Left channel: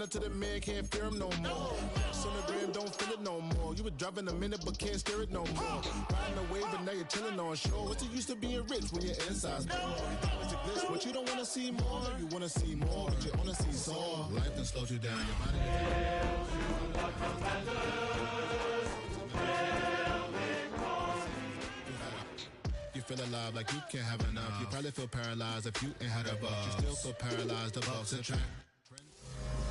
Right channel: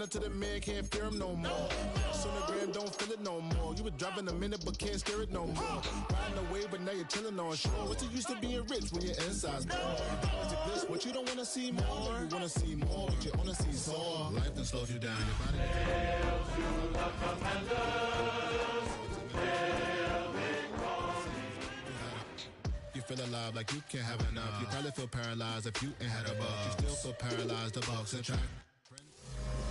stand up to the man, can't fear him no more. Sonogram don't feel it no more. You were driving a minute but can't steer it no more. Riding away but now you're chilling on shore. What's the use of being rich when your inside's poor? This, what you don't want to see more, you want to see more, but you wanna see soul. Life then slows you down, your body. You feel alive like you can't have enough. You probably feel paralyzed if you ain't had a buck. You still feel paralyzed, the bucks and track.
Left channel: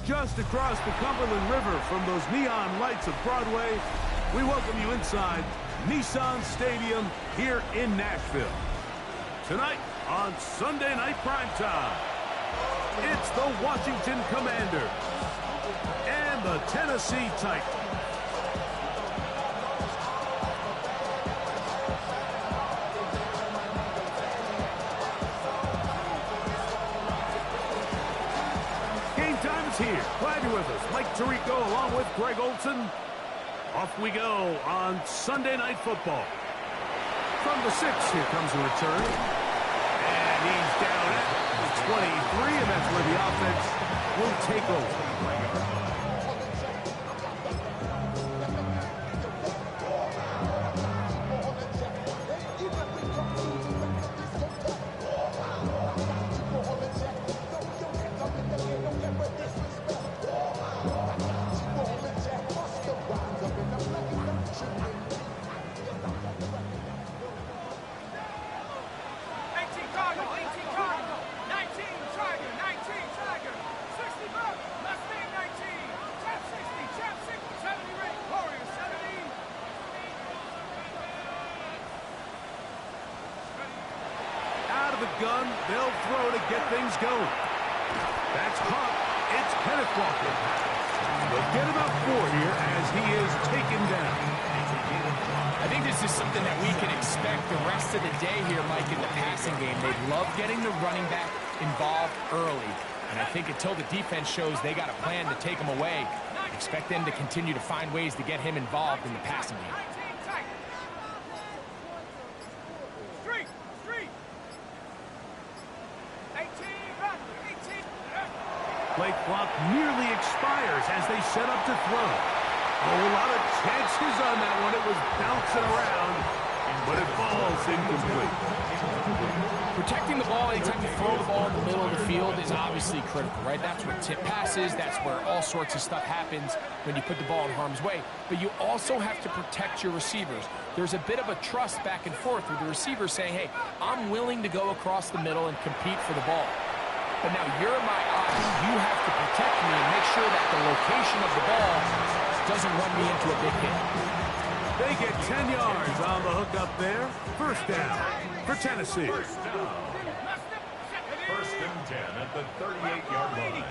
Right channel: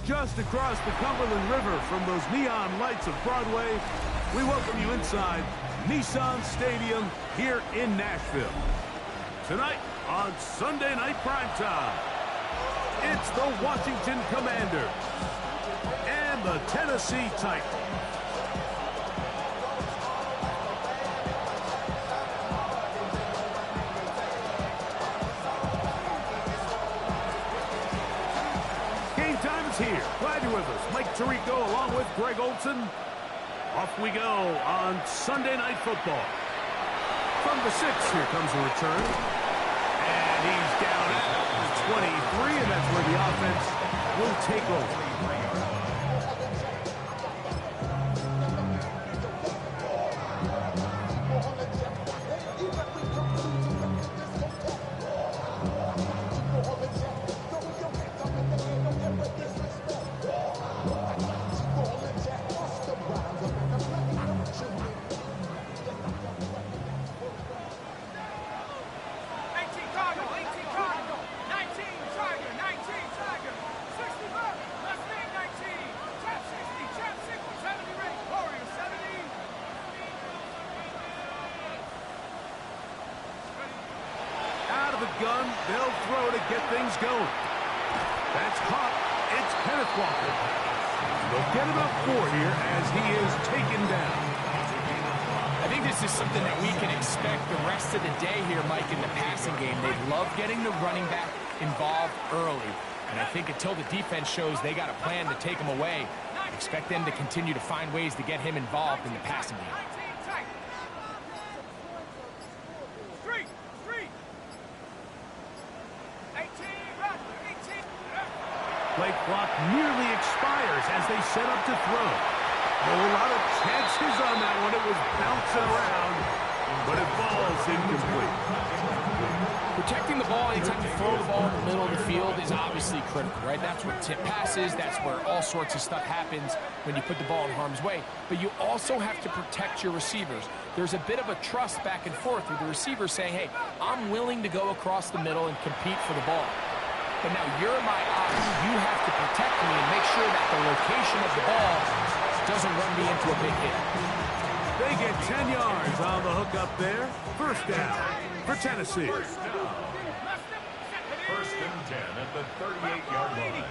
Just across the Cumberland River from those neon lights of Broadway, we welcome you inside Nissan Stadium here in Nashville. Tonight on Sunday Night Primetime, it's the Washington Commanders and the Tennessee Titans. Game time is here. Glad you're with us. Mike Tirico along with Greg Olson. Off we go on Sunday Night Football. From the 6, here comes a return. And he's down at the 23, and that's where the offense will take over. Out of the gun, they'll throw to get things going. That's caught. It's Kenneth Walker. They'll get about 4 here as he is taken down. I think this is something that we can expect the rest of the day here, Mike, in the passing game. They love getting the running back involved early. And I think until the defense shows they got a plan to take him away, expect them to continue to find ways to get him involved in the passing game. Play clock nearly expires as they set up to throw. A lot of chances on that one. It was bouncing around, but it falls incomplete. Protecting the ball anytime you throw the ball in the middle of the field is obviously critical, right? That's where tip passes, that's where all sorts of stuff happens when you put the ball in harm's way. But you also have to protect your receivers. There's a bit of a trust back and forth with the receiver saying, hey, I'm willing to go across the middle and compete for the ball. But now you're my eyes. You have to protect me and make sure that the location of the ball doesn't run me into a big hit. They get 10 yards on the hook up there. First down for Tennessee. First and 10 at the 38-yard line.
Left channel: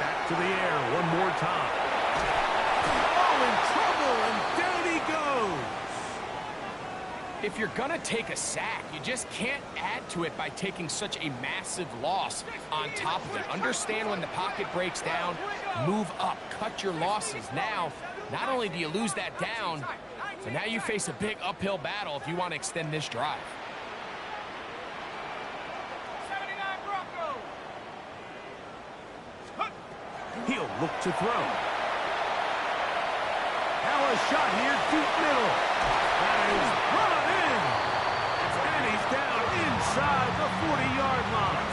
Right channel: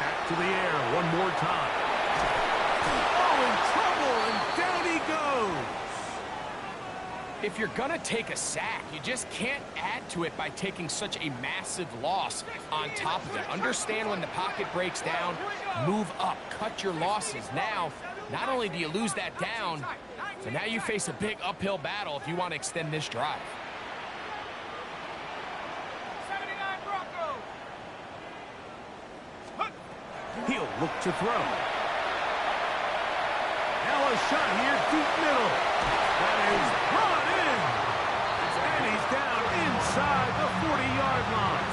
Back to the air one more time. Oh, in trouble, and down he goes. If you're going to take a sack, you just can't add to it by taking such a massive loss on top of it. Understand when the pocket breaks down, move up, cut your losses. Now, not only do you lose that down, so now you face a big uphill battle if you want to extend this drive. He'll look to throw. Now a shot here, deep middle. That is brought in. And he's down inside the 40-yard line.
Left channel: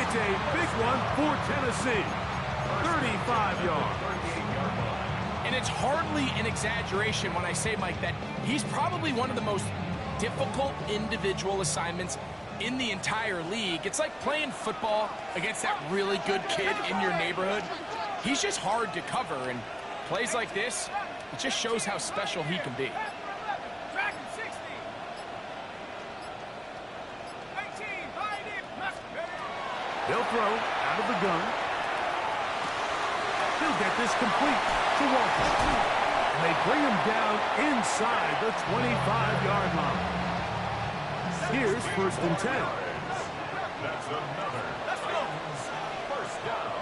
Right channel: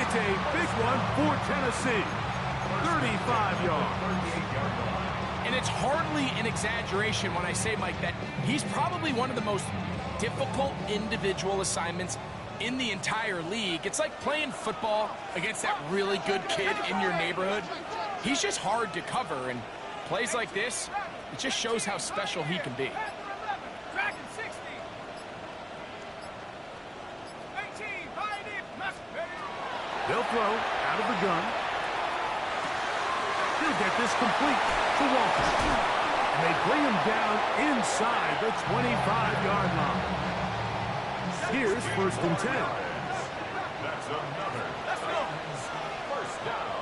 It's a big one for Tennessee. 35 yards. And it's hardly an exaggeration when I say, Mike, that he's probably one of the most difficult individual assignments in the entire league. It's like playing football against that really good kid in your neighborhood. He's just hard to cover, and plays like this, it just shows how special he can be. They'll throw out of the gun. He'll get this complete to Walker. And they bring him down inside the 25-yard line. Here's first and 10. That's another. First down.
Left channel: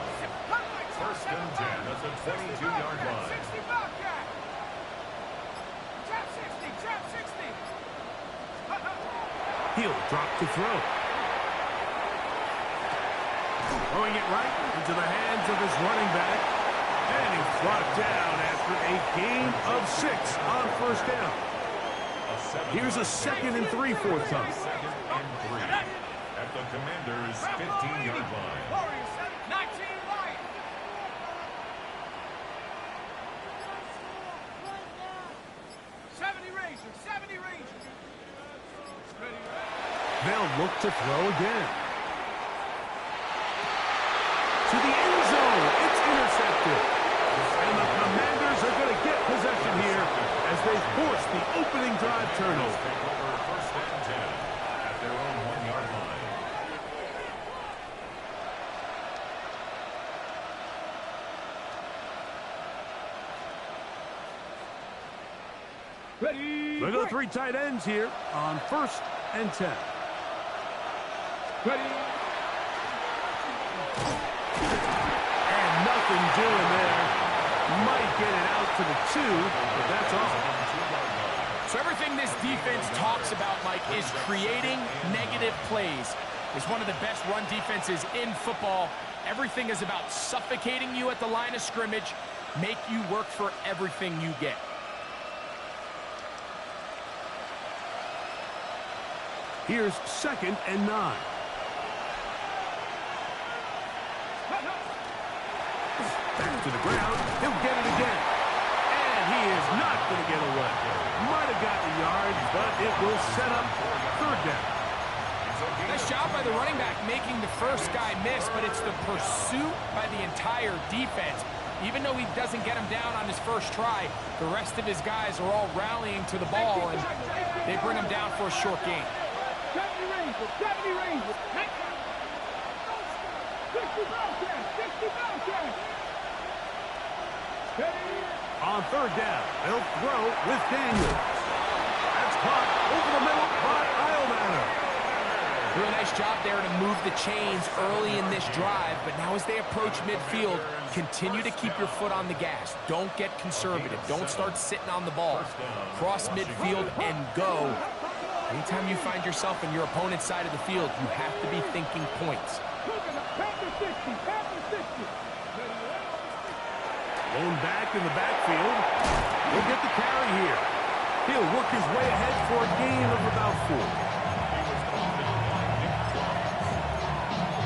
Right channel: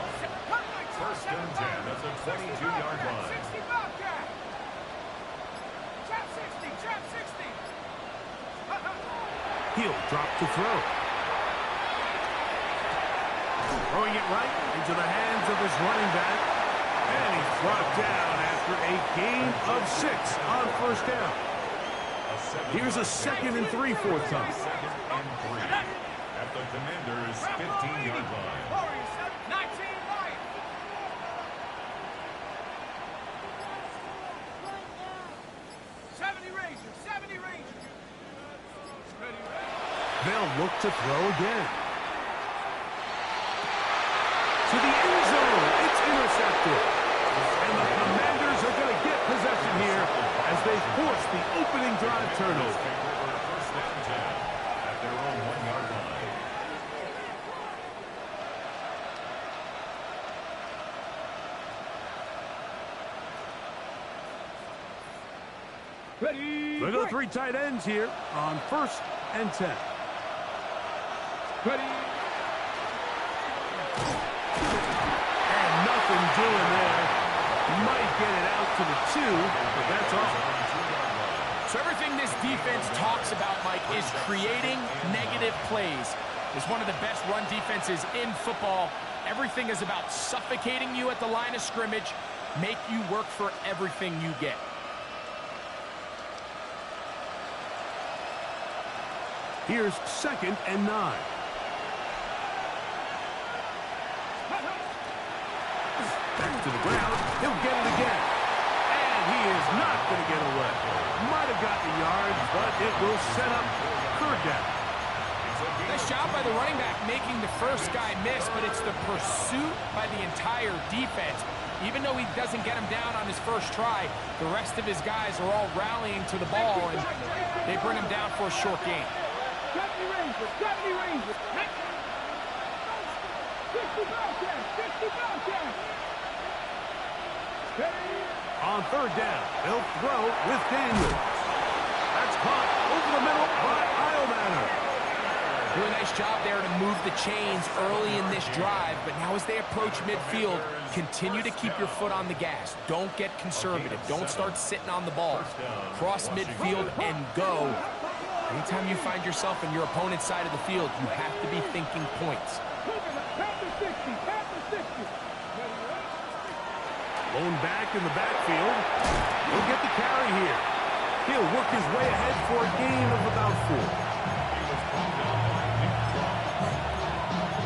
First and 10 at the 22-yard line. He'll drop to throw. Throwing it right into the hands of his running back. And he's brought down after a gain of 6 on first down. Here's a 2nd and 3 fourth time. 2nd and 3 at the Commanders' 15-yard line. 19 right. They'll look to throw again. To the end zone. It's intercepted. And the Commanders are going to get possession here as they force the opening drive turnover. Take over 1st and 10 at their own 1-yard line. Ready. They go 3 tight ends here on 1st and 10. Ready. And nothing doing there. Might get it out to the 2, but that's all. So everything this defense talks about, Mike, is creating negative plays. It's one of the best run defenses in football. Everything is about suffocating you at the line of scrimmage, make you work for everything you get. Here's 2nd and 9. Back to the ground. He'll get it again. And he is not going to get away. Might have gotten a yard, but it will set up 3rd down. Nice job by the running back making the first guy miss, but it's the pursuit by the entire defense. Even though he doesn't get him down on his first try, the rest of his guys are all rallying to the ball, and they bring him down for a short gain. 70 Rangers, 70 Rangers. 60 Bobcats, 60 Bobcats. On 3rd down, they'll throw with Daniels. That's caught over the middle by Iomanner. Do a nice job there to move the chains early in this drive, but now as they approach midfield, continue to keep your foot on the gas. Don't get conservative. Don't start sitting on the ball. Cross midfield and go. Anytime you find yourself in your opponent's side of the field, you have to be thinking points. Lone back in the backfield. He'll get the carry here. He'll work his way ahead for a gain of about 4. He was brought down by Nick Trump.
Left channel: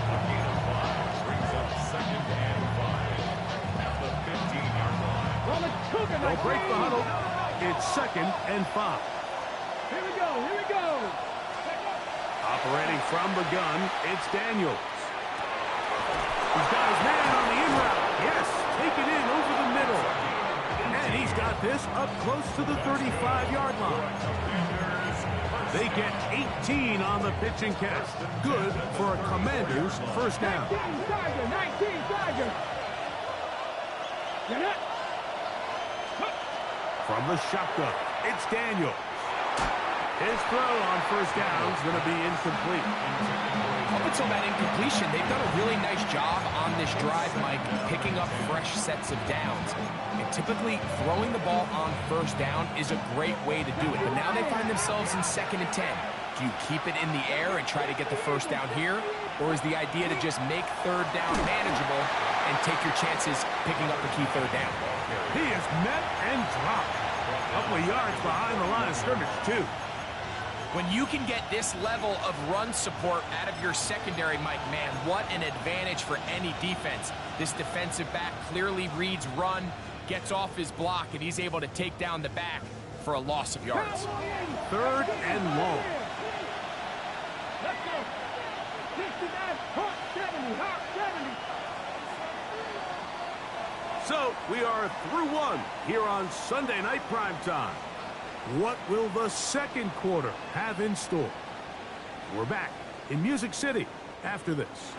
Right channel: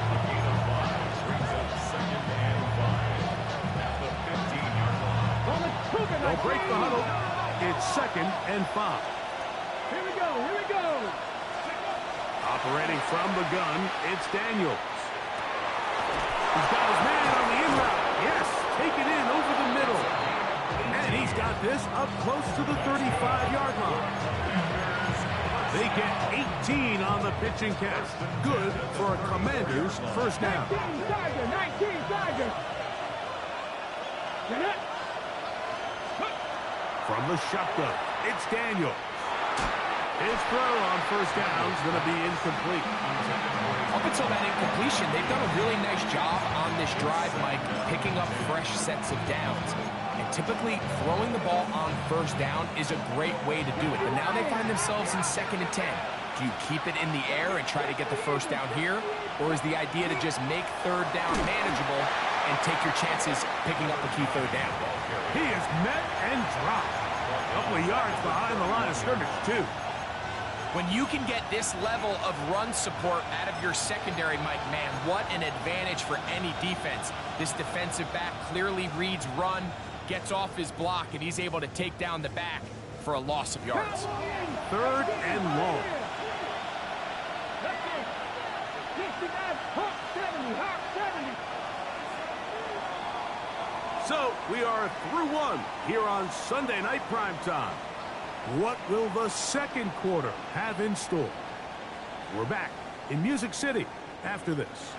A gain of 5 brings up 2nd and 5 at the 15-yard line. They'll break the huddle. It's 2nd and 5. Here we go, here we go. Operating from the gun, it's Daniels. He's got his man on the in route. Yes, take it in over the middle. And he's got this up close to the 35-yard line. They get 18 on the pitch and catch. Good for a Commanders first down. 19 Tiger, 19 Tiger. Get it. From the shotgun, it's Daniels. His throw on first down is going to be incomplete. Up until that incompletion, they've done a really nice job on this drive, Mike, picking up fresh sets of downs. And typically, throwing the ball on first down is a great way to do it. But now they find themselves in 2nd and 10. Do you keep it in the air and try to get the first down here? Or is the idea to just make 3rd down manageable and take your chances picking up a key 3rd down? He is met and dropped. A couple of yards behind the line of scrimmage, too. When you can get this level of run support out of your secondary, Mike, man, what an advantage for any defense. This defensive back clearly reads run, gets off his block, and he's able to take down the back for a loss of yards. 3rd and long. Let's go. 69, Hawk 70, Hawk 70. So we are through 1 here on Sunday Night Primetime. What will the 2nd quarter have in store? We're back in Music City after this.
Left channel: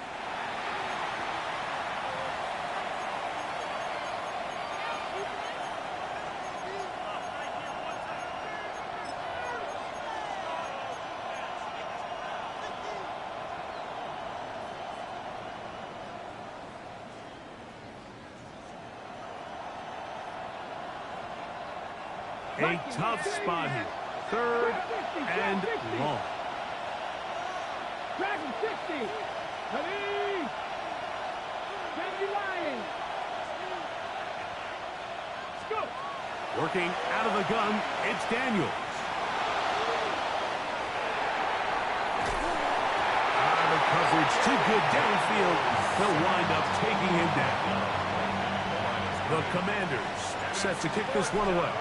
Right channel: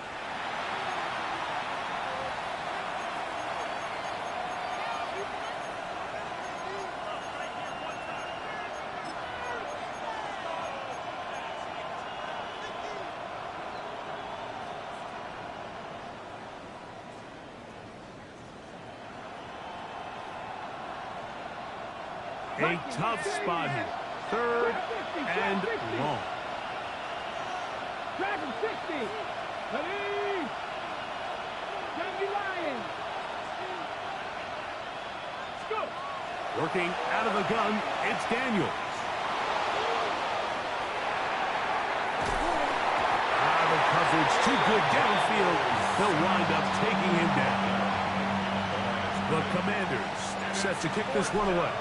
A tough spot here. 3rd and long. Dragon 60. Ready? 70 Lions. Let's go. Working out of the gun, it's Daniels. The coverage too good downfield. They'll wind up taking him down. The Commanders set to kick this one away.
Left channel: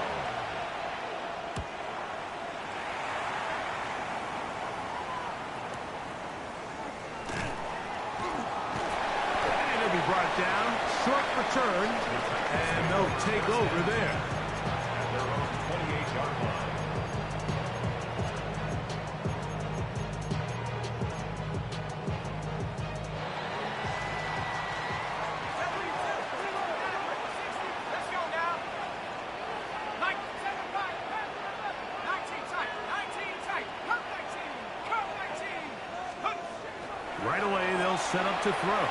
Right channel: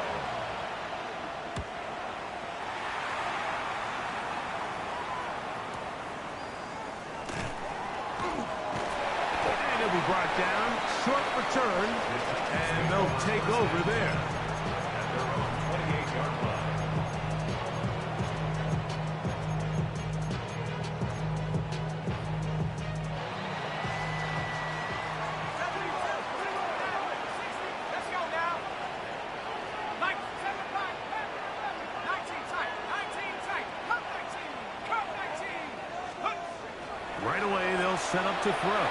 And he'll be brought down. Short return. And they'll take over there. At their own 28-yard line. Right away, they'll set up to throw.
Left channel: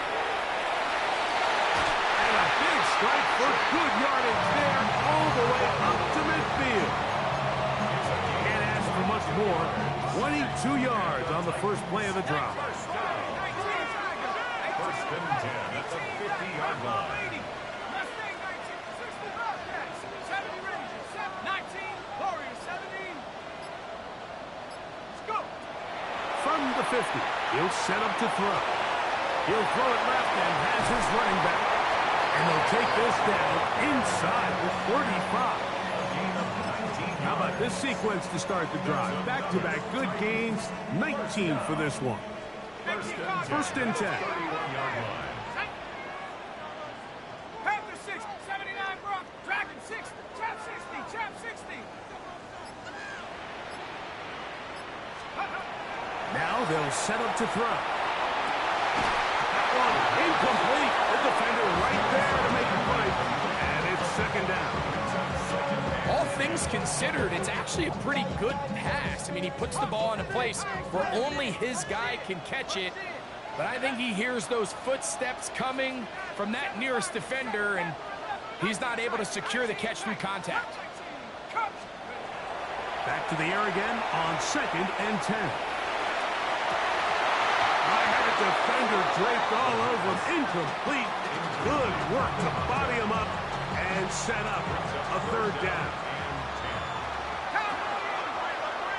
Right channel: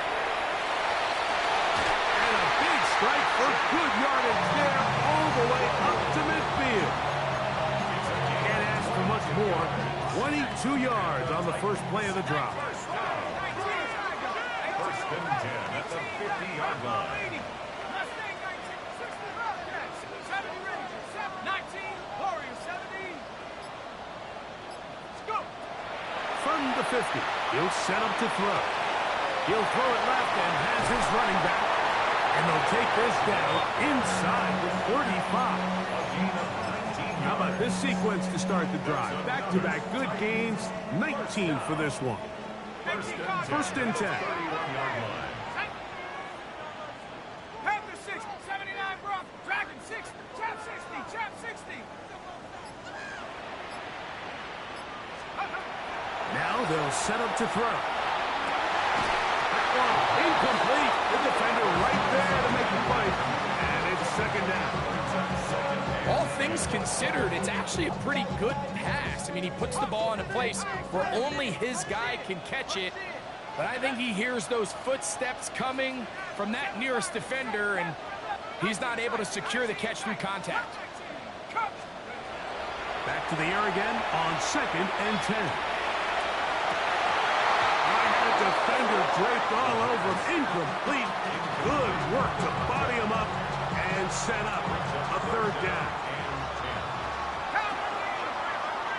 And a big strike for good yardage there all the way up to midfield. Can't ask for much more. 22 yards on the first play of the drive. First and 10 at the 50-yard line. Mustang 19, 60 Bobcats, 70 Rangers, 19 Warriors, 70. Let's go. From the 50, he'll set up to throw. He'll throw it left and has his running back. And they'll take this down inside the 35. A gain of 19 How about yards. this sequence to start the drive? Back-to-back good gains, 19 for this one. First and 10. 31-yard line. Panther 6, 79 Brock, Dragon 6, Chap 60, Chap 60. Now they'll set up to throw. That one incomplete. The defender right there to make the play. And it's second down. All things considered, it's actually a pretty good pass. I mean, he puts the ball in a place where only his guy can catch it. But I think he hears those footsteps coming from that nearest defender, and he's not able to secure the catch through contact. Back to the air again on second and 10. Defender draped all over him. Incomplete. Good work to body him up and set up a third down.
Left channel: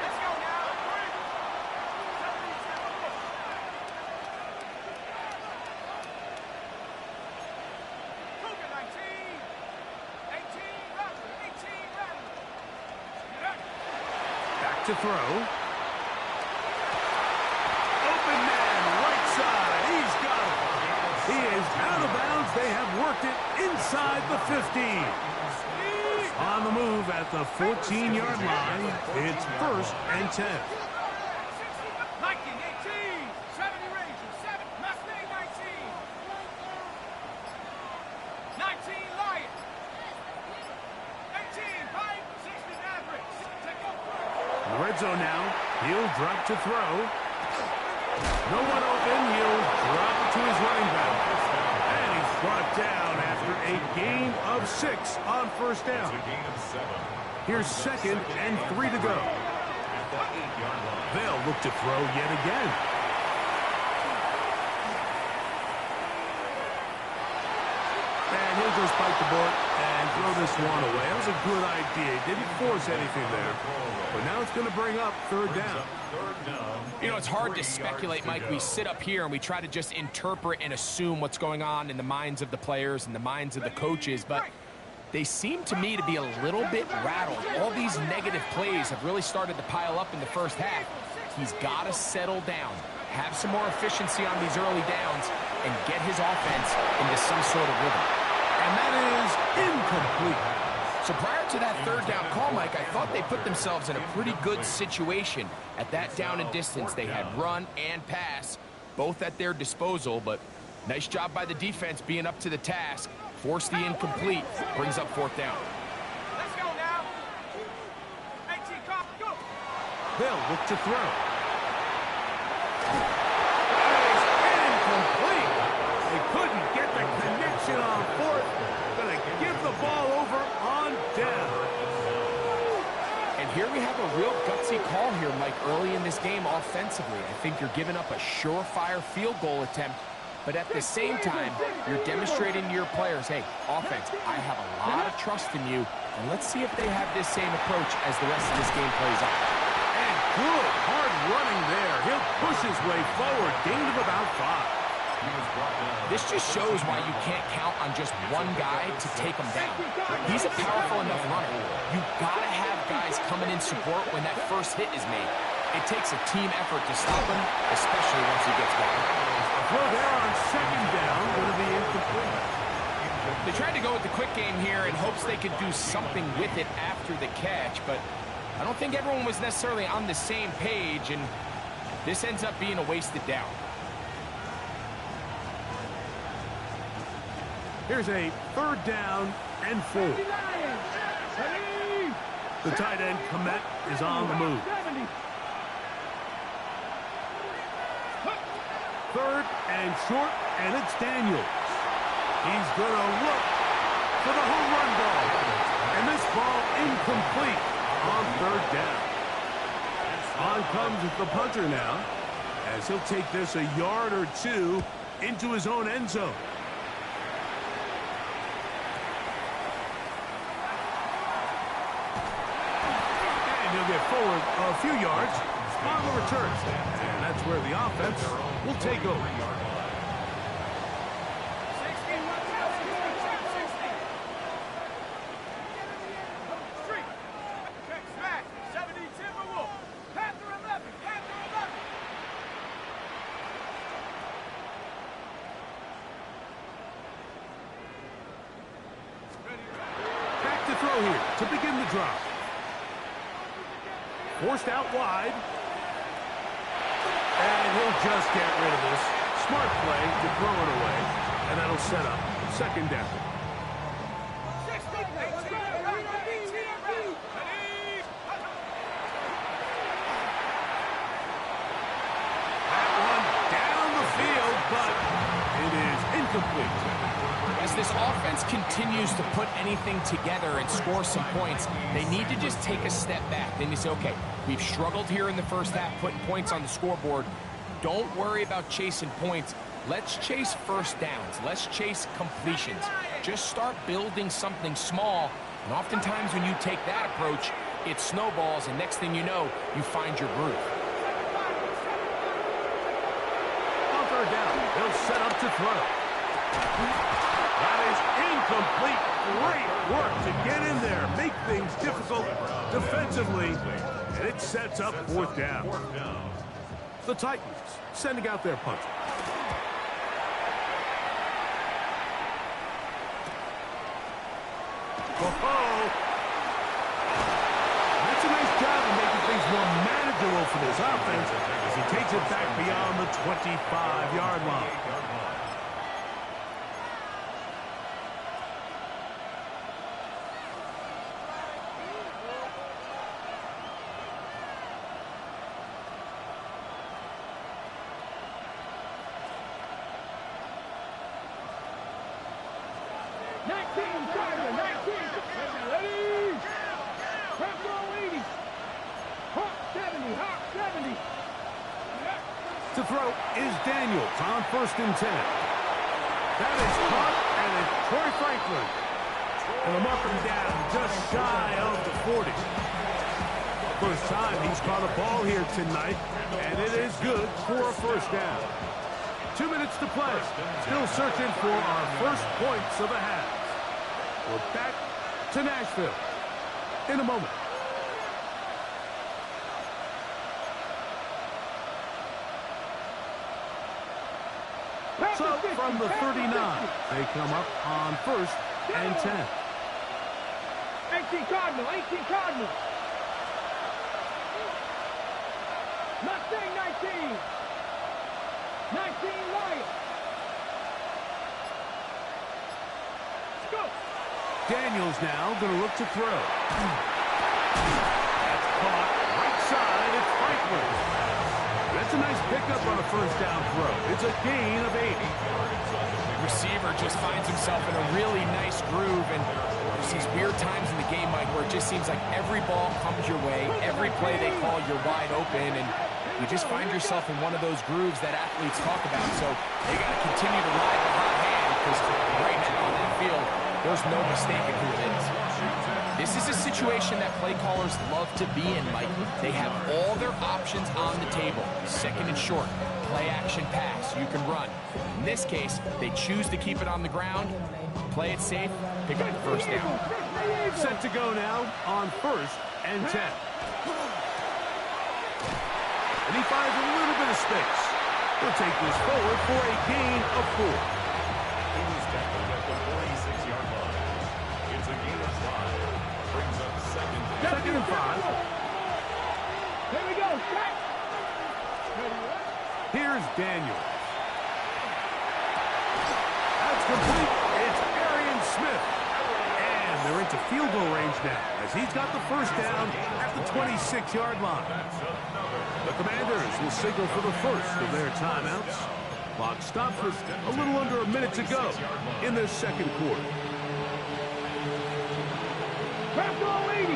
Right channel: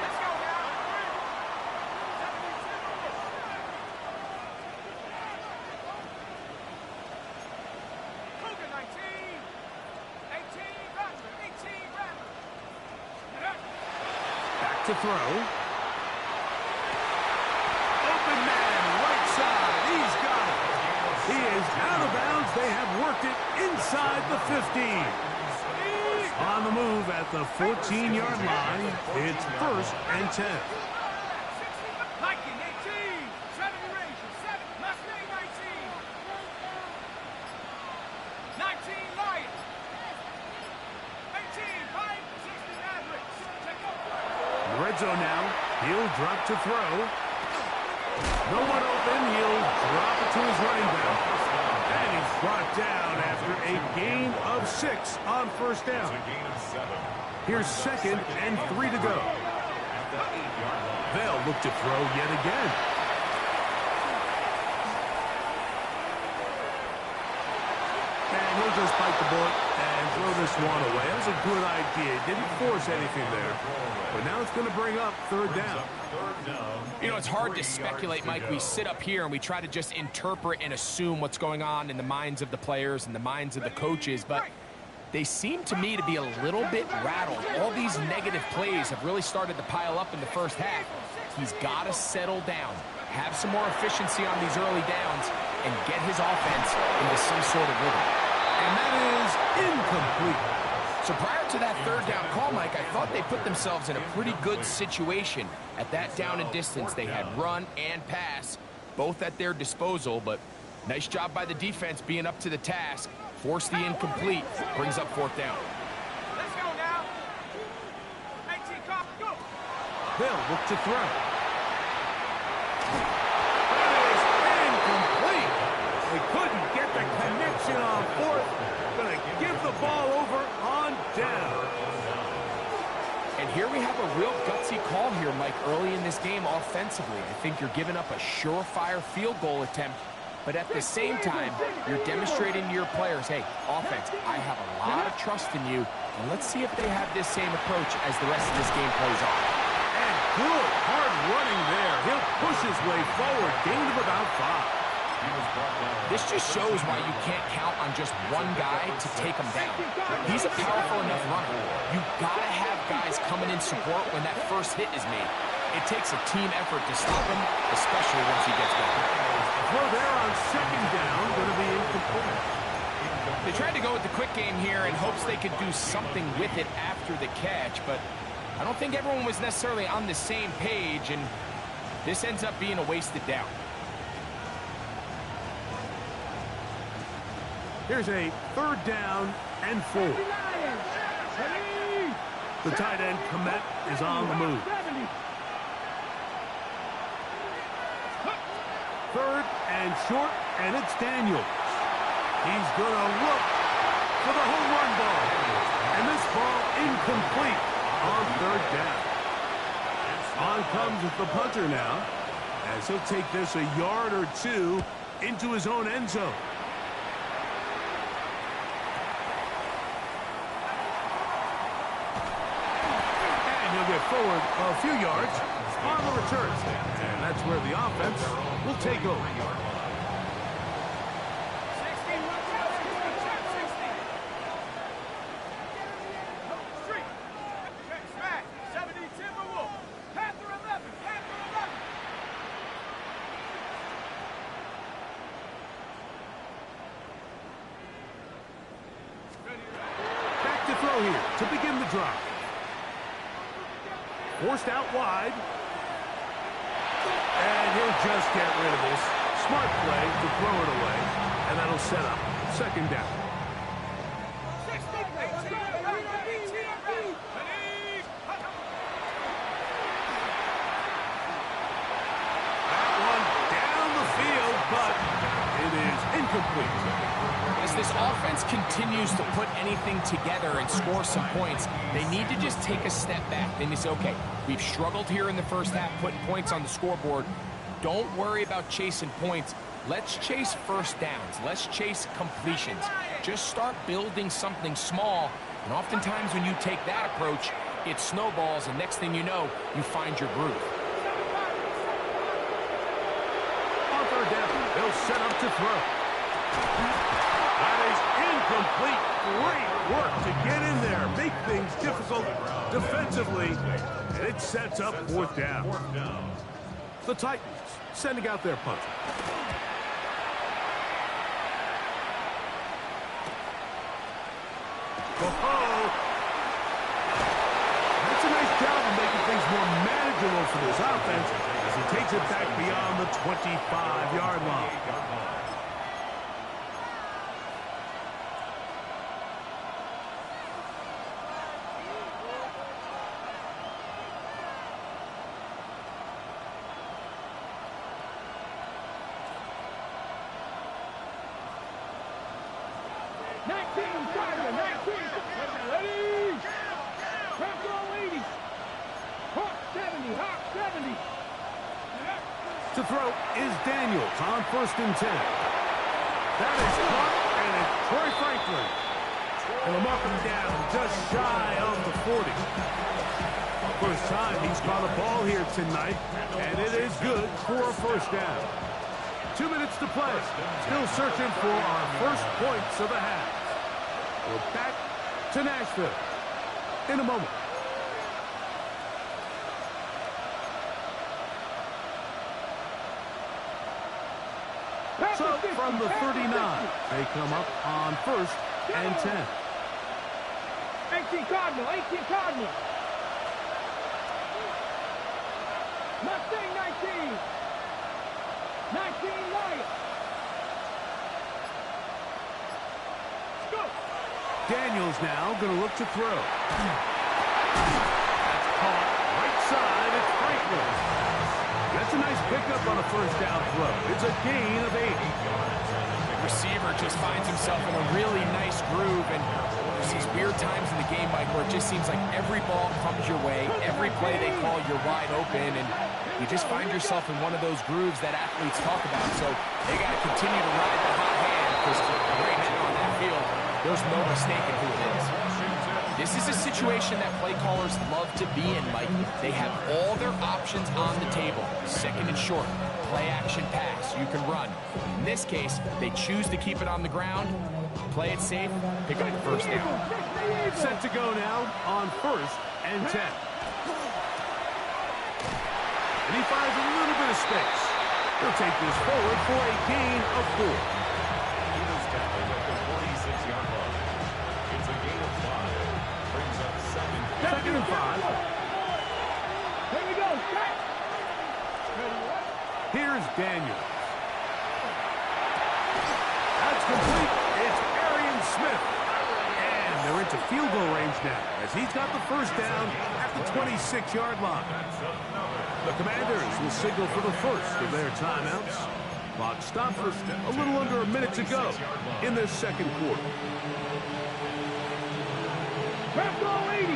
Let's go now. Cougar 19, 18 Rattler, 18 Rattler. Back to throw. Open man, right side. He's got it. He is out of bounds. They have worked it inside the 15. On the move at the 14-yard line. It's first and 10. Viking 18, 70 Rangers, 7 Mustang 19. 19 Lions. 18 Pine, 60 Mavericks. Take over. In the red zone now. He'll drop to throw. No one open. He'll drop it to his running back. And he's brought down after a gain of 6 on first down. A gain of 7. Here's second and 3 to go. At the 8-yard line. They'll look to throw yet again. And he'll just bite the bullet and throw this one away. That was a good idea. He didn't force anything there. But now it's going to bring up third down. Third down. You know, it's hard to 3 speculate, yards Mike. go. We sit up here and we try to just interpret and assume what's going on in the minds of the players and the minds of the coaches, but they seem to me to be a little bit rattled. All these negative plays have really started to pile up in the first half. He's got to settle down, have some more efficiency on these early downs, and get his offense into some sort of rhythm. And that is incomplete. So prior to that third down call, Mike, I thought they put themselves in a pretty good situation. At that down and distance, they had run and pass, both at their disposal, but nice job by the defense being up to the task. Force the incomplete, brings up fourth down. Let's go now. 18 cop, go. They'll look to throw. That is incomplete. They couldn't get the connection on fourth. Gonna give the ball over on down. And here we have a real gutsy call here, Mike, early in this game offensively. I think you're giving up a surefire field goal attempt, but at the same time, you're demonstrating to your players, hey, offense, I have a lot of trust in you, and let's see if they have this same approach as the rest of this game plays on. And good, hard running there. He'll push his way forward, gain of about 5. This just shows why you can't count on just one guy to take him down. He's a powerful enough runner. You've got to have guys coming in support when that first hit is made. It takes a team effort to stop him, especially once he gets going. Throw there on second down, going to be incomplete. They tried to go with the quick game here in hopes they could do something with it after the catch, but I don't think everyone was necessarily on the same page, and this ends up being a wasted down. Here's a 3rd down and 4. The tight end, Komet, is on the move. 3rd and short, and it's Daniels. He's going to look for the home run ball. And this ball incomplete on 3rd down. On comes the punter now, as he'll take this a yard or 2 into his own end zone. He'll get forward a few yards on the return. And that's where the offense will take over. 70 Timberwolf. Panther 11. Panther 11. Back to throw here to begin the drive. Forced out wide. And he'll just get rid of this. Smart play to throw it away. And that'll set up 2nd down. That one down the field, but it is incomplete. As this offense continues to put anything together and score some points, they need to just take a step back. Then you say, okay, we've struggled here in the first half, putting points on the scoreboard. Don't worry about chasing points. Let's chase first downs. Let's chase completions. Just start building something small. And oftentimes when you take that approach, it snowballs, and next thing you know, you find your groove. On 3rd down, they'll set up to throw. That is incomplete. Great work to get in there, make things difficult defensively, and it sets up 4th down. The Titans sending out their punter. Oh, that's a nice job of making things more manageable for this offense as he takes it back beyond the 25-yard line. To throw is Daniels on 1st and 10. That is caught, and it's Troy Franklin. And they'll mark him down just shy of the 40. First time he's caught a ball here tonight, and it is good for a 1st down. 2 minutes to play. Still searching for our first points of the half. We're back to Nashville in a moment. So from the 39, they come up on 1st and 10. 18 Cardinal, 18 Cardinal. Mustang 19. 19 Lion. Let's go. Daniels now going to look to throw. That's caught right side. It's Franklin. That's a nice pickup on a first down throw. It's a gain of 8. Receiver just finds himself in a really nice groove, and there's these weird times in the game, Mike, where it just seems like every ball comes your way, every play they call, you're wide open, and you just find yourself in one of those grooves that athletes talk about. So they got to continue to ride the hot hand, because right now on that field, there's no mistaking who it is. This is a situation that play callers love to be in, Mike. They have all their options on the table. Second and short, play action pass, you can run. In this case, they choose to keep it on the ground, play it safe, pick up the first down. Set to go now on 1st and 10. And he finds a little bit of space. He'll take this forward for a gain of 4. He was tackled at the 46-yard line. It's a gain of 5. Brings up second and 5. Here we go. Set. Here's Daniels. That's complete. It's Arian Smith. And they're into field goal range now, as he's got the first down at the 26-yard line. The Commanders will signal for the first of their timeouts. Clock stopped with a little under a minute to go in the second quarter. Back goal 80.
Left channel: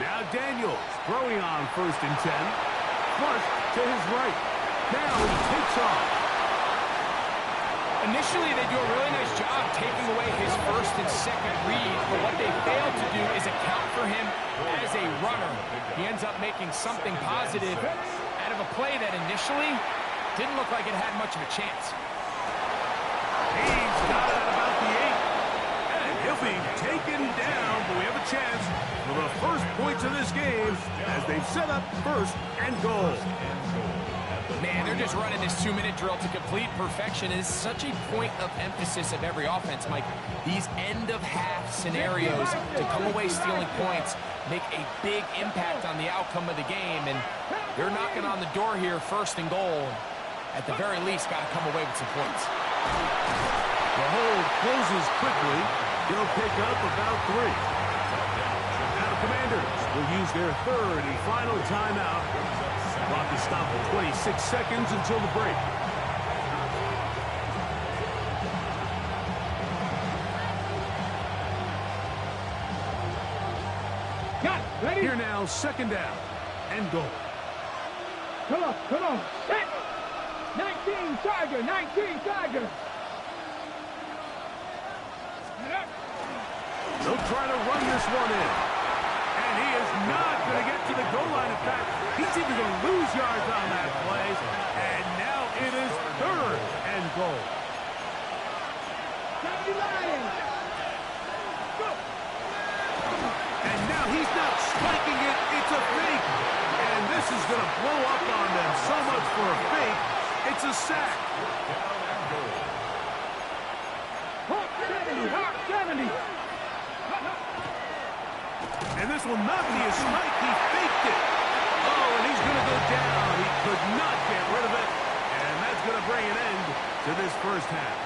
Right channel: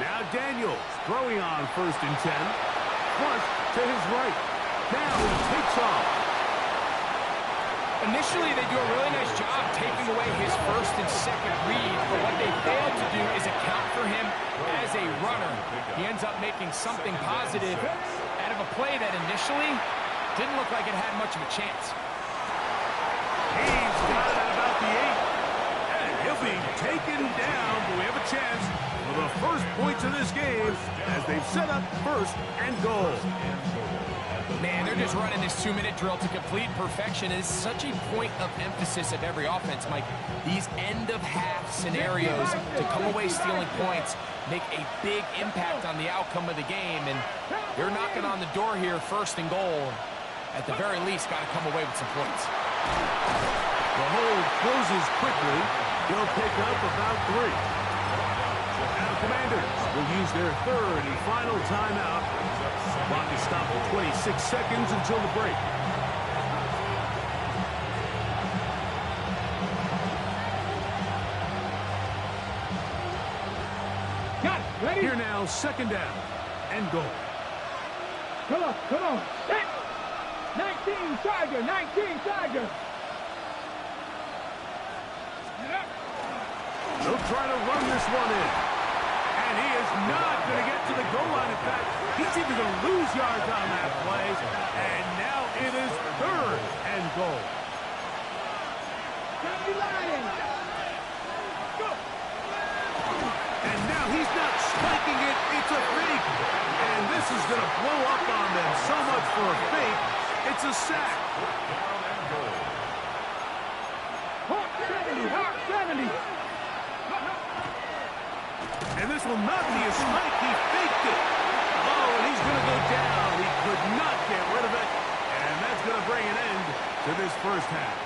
Now Daniels throwing on 1st and 10. Flush to his right. Now he takes off. Initially, they do a really nice job taking away his first and second read, but what they failed to do is account for him as a runner. He ends up making something positive out of a play that initially didn't look like it had much of a chance. He's got it at about the 8. And he'll be taken down, but we have a chance for the first points of this game as they've set up 1st and goal. Man, they're just running this 2-minute drill to complete perfection. It is such a point of emphasis of every offense, Mike. These end-of-half scenarios to come away stealing points make a big impact on the outcome of the game, and they're knocking on the door here, 1st and goal. At the very least, got to come away with some points. The hold closes quickly. He'll pick up about 3. Now the Commanders will use their 3rd and final timeout. Clock is stopped for 26 seconds until the break. Got it. Ready? Here now, 2nd down and goal. Come on. Set. 19 Tiger. 19 Tiger. They'll try to run this one in. And he is not going to get to the goal line. In fact, he's even going to lose yards on that play. And now it is 3rd and goal. And now he's not spiking it. It's a fake. And this is going to blow up on them. So much for a fake. It's a sack. Hawk 70. And this will not be a spike. He faked it. Oh, and he's going to go down. He could not get rid of it. And that's going to bring an end to this first half.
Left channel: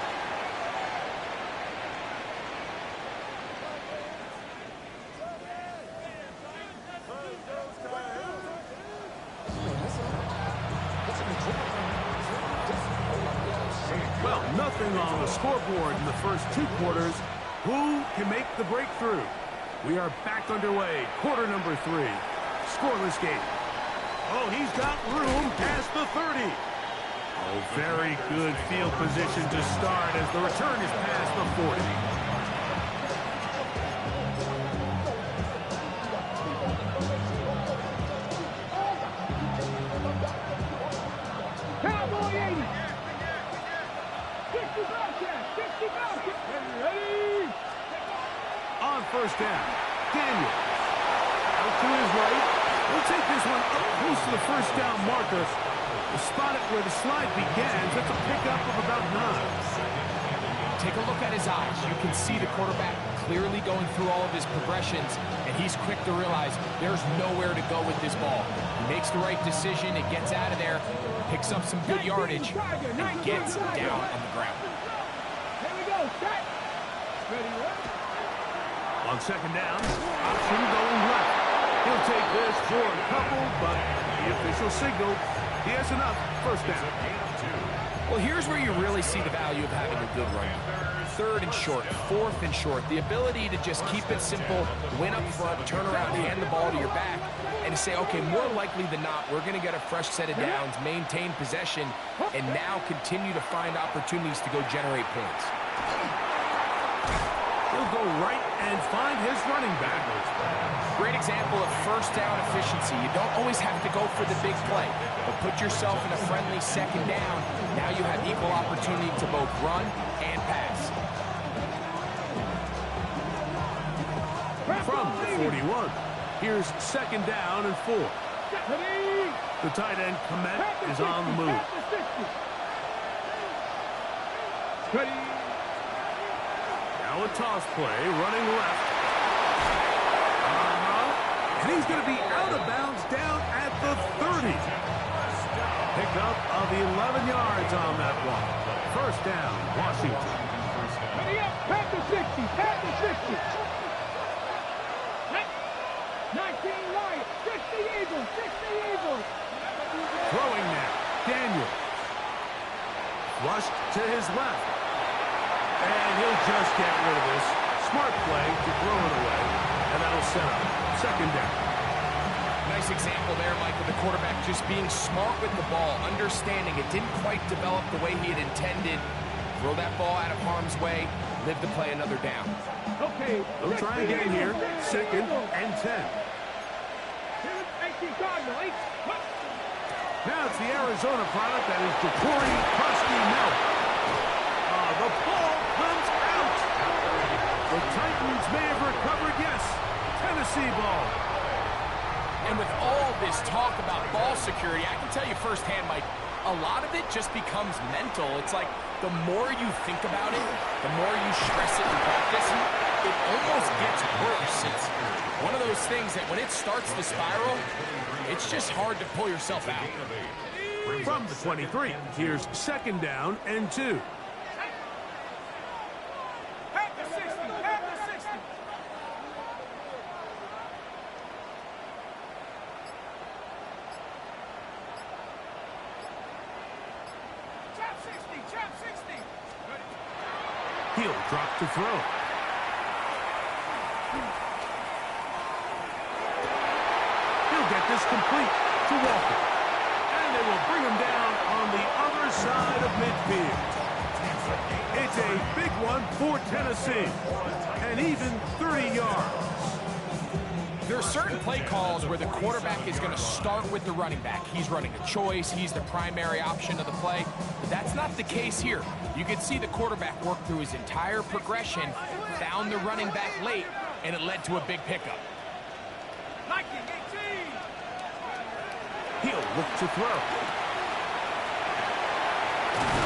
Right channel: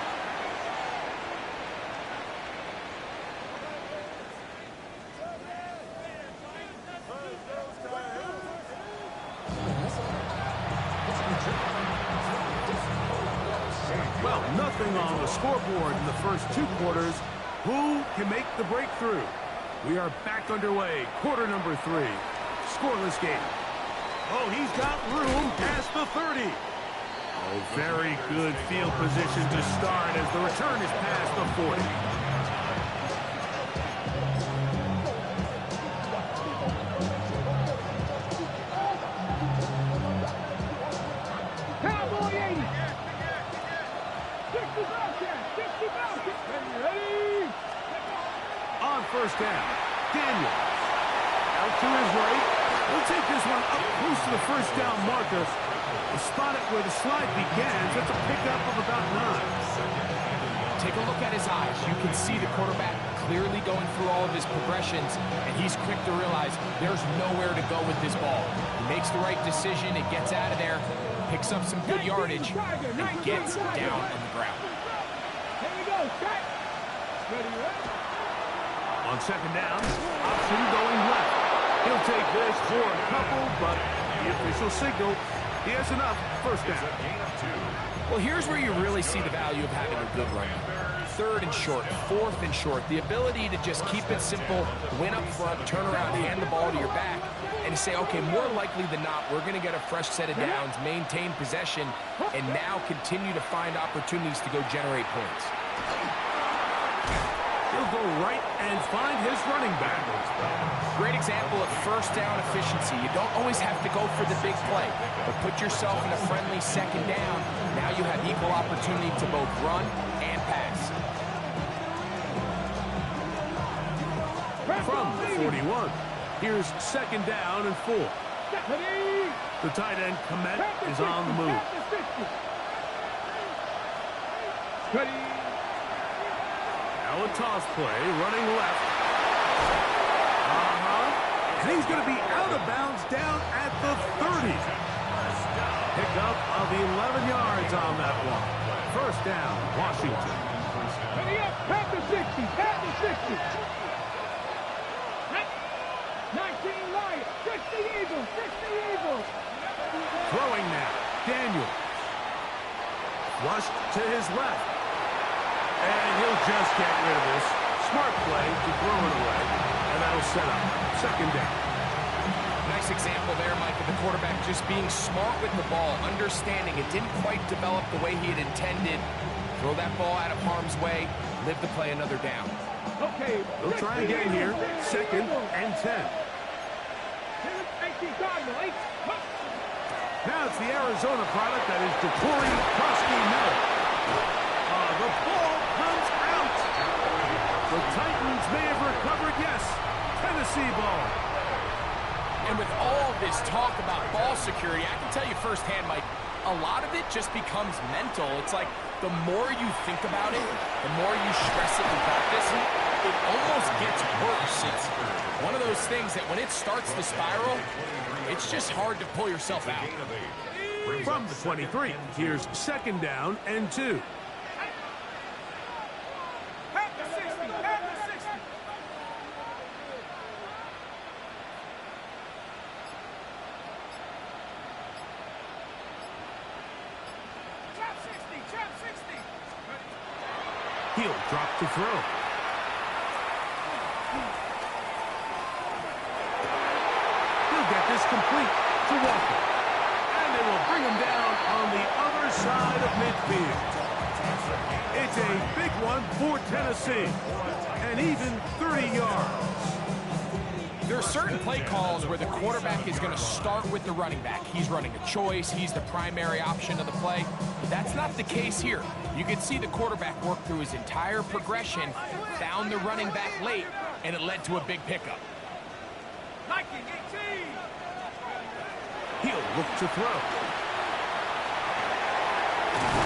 Well, nothing on the scoreboard in the first 2 quarters. Who can make the breakthrough? We are back underway. Quarter number 3. Scoreless game. Oh, he's got room past the 30. Oh, very good field position to start as the return is past the 40. Cowboy 80. 60 Bobcat. 60 Bobcat. Ready. On 1st down, Daniels. Out to his right. He'll take this one up close to the 1st down marker. We'll spot it where the slide begins. That's a pickup of about 9. Take a look at his eyes. You can see the quarterback clearly going through all of his progressions, and he's quick to realize there's nowhere to go with this ball. He makes the right decision. It gets out of there, picks up some good yardage, and gets down on the ground. Here we go. Set. Ready. On 2nd down, option going left. He'll take this for a couple, but the official signal, he has enough. First down. Well, here's where you really see the value of having a good running. Third and short, fourth and short. The ability to just keep it simple, win up front, turn around, hand the ball to your back, and to say, okay, more likely than not, we're going to get a fresh set of downs, maintain possession, and now continue to find opportunities to go generate points. He'll go right and find his running back. Great example of first down efficiency. You don't always have to go for the big play, but put yourself in a friendly second down. Now you have equal opportunity to both run and pass. From the 41, here's second down and 4. The tight end, Komet, is on the move. Now a toss play, running left. And he's going to be out of bounds down at the 30. Pickup of 11 yards on that one. First down, Washington. Pat the 60, pat the 60. 19 Lions, 60 Eagles, 60 Eagles. Throwing now, Daniels. Flushed to his left. And he'll just get rid of this. Smart play to throw it away. And that'll set up second down. Nice example there, Mike, of the quarterback just being smart with the ball, understanding it didn't quite develop the way he had intended. Throw that ball out of harm's way, live to play another down. Okay. They'll try again here. Second and 10. Now it's the Arizona product that is Jacory Krusty-Miller. The ball comes out. The Titans may have recovered, yes. Tennessee ball. And with all this talk about ball security, I can tell you firsthand, Mike, a lot of it just becomes mental. It's like the more you think about it, the more you stress it in practice, it almost gets worse. It's one of those things that when it starts to spiral, it's just hard to pull yourself out. From the 23, here's second down and 2. Pat the 60, pat the 60. Chop 60, chop 60. He'll drop to throw. He'll get this complete to Walker. And they will bring him down on the other side of midfield. It's a big one for Tennessee. And even 30 yards. There are certain play calls where the quarterback is going to start with the running back. He's running a choice. He's the primary option of the play. But that's not the case here. You can see the quarterback work through his entire progression, found the running back late, and it led to a big pickup. 19-18. He'll look to throw.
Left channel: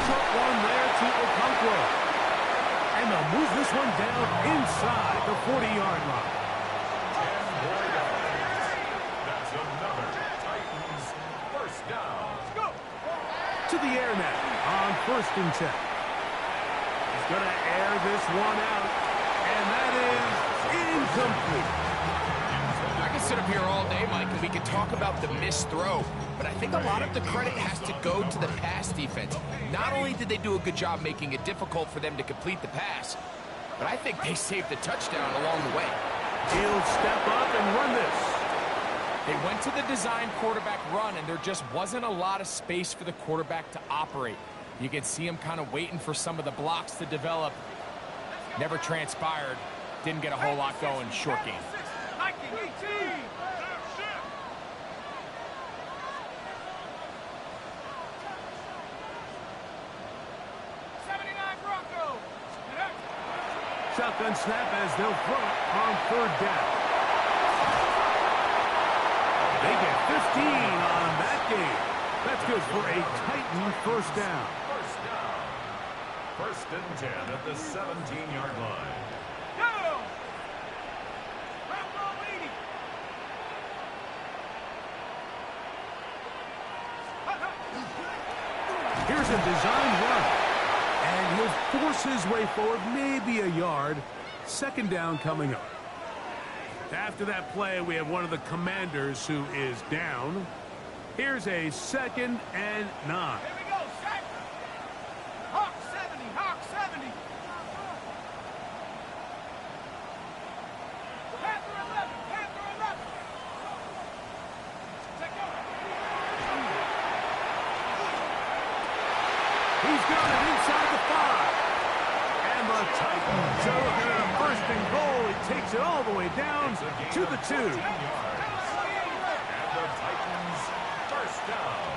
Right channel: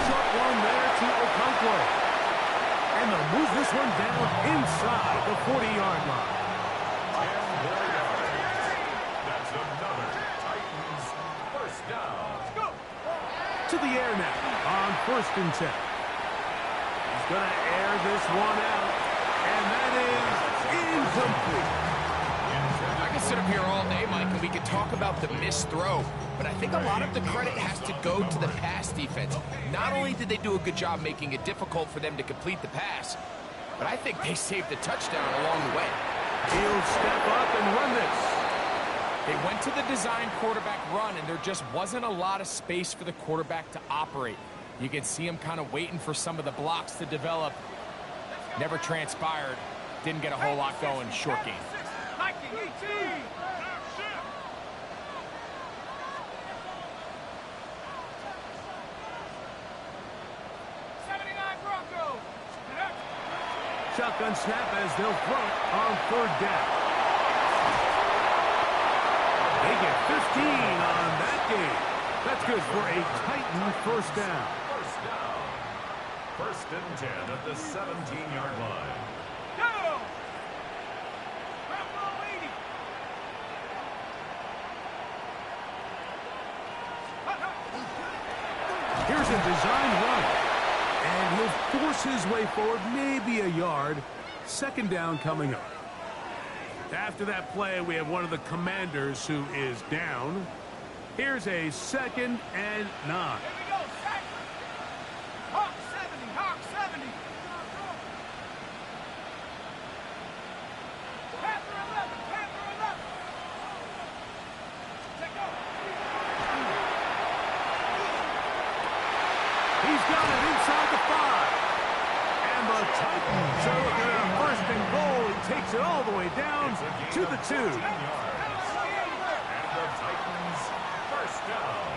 Short one there to Okonkwo. And they'll move this one down inside the 40-yard line. 10 more yards. That's another Titans first down. Let's go. To the air now on first and 10. He's going to air this one out. And that is incomplete. I can sit up here all day, Mike, and we can talk about the missed throw, but I think a lot of the credit has to go to the pass defense. Not only did they do a good job making it difficult for them to complete the pass, but I think they saved the touchdown along the way. He'll step up and run this. They went to the design quarterback run, and there just wasn't a lot of space for the quarterback to operate. You can see him kind of waiting for some of the blocks to develop. Never transpired. Didn't get a whole lot going. Short game. 19-18. 79 Broncos. Shotgun snap as they'll throw it on third down. They get 15 on that game. That's good for a Titan first down. First down. First and 10 at the 17-yard line. Go! Bronco 80. Here's a design run. And he'll force his way forward, maybe a yard. Second down coming up. After that play, we have one of the commanders who is down. Here's a 2nd and 9. Here we go, set. Hawk 70, Hawk 70. Panther 11, Panther 11. Take go. He's got it inside the 5. And the Titans are looking at a 1st and goal. He takes it all the way down to the 2. And the Titans, first down.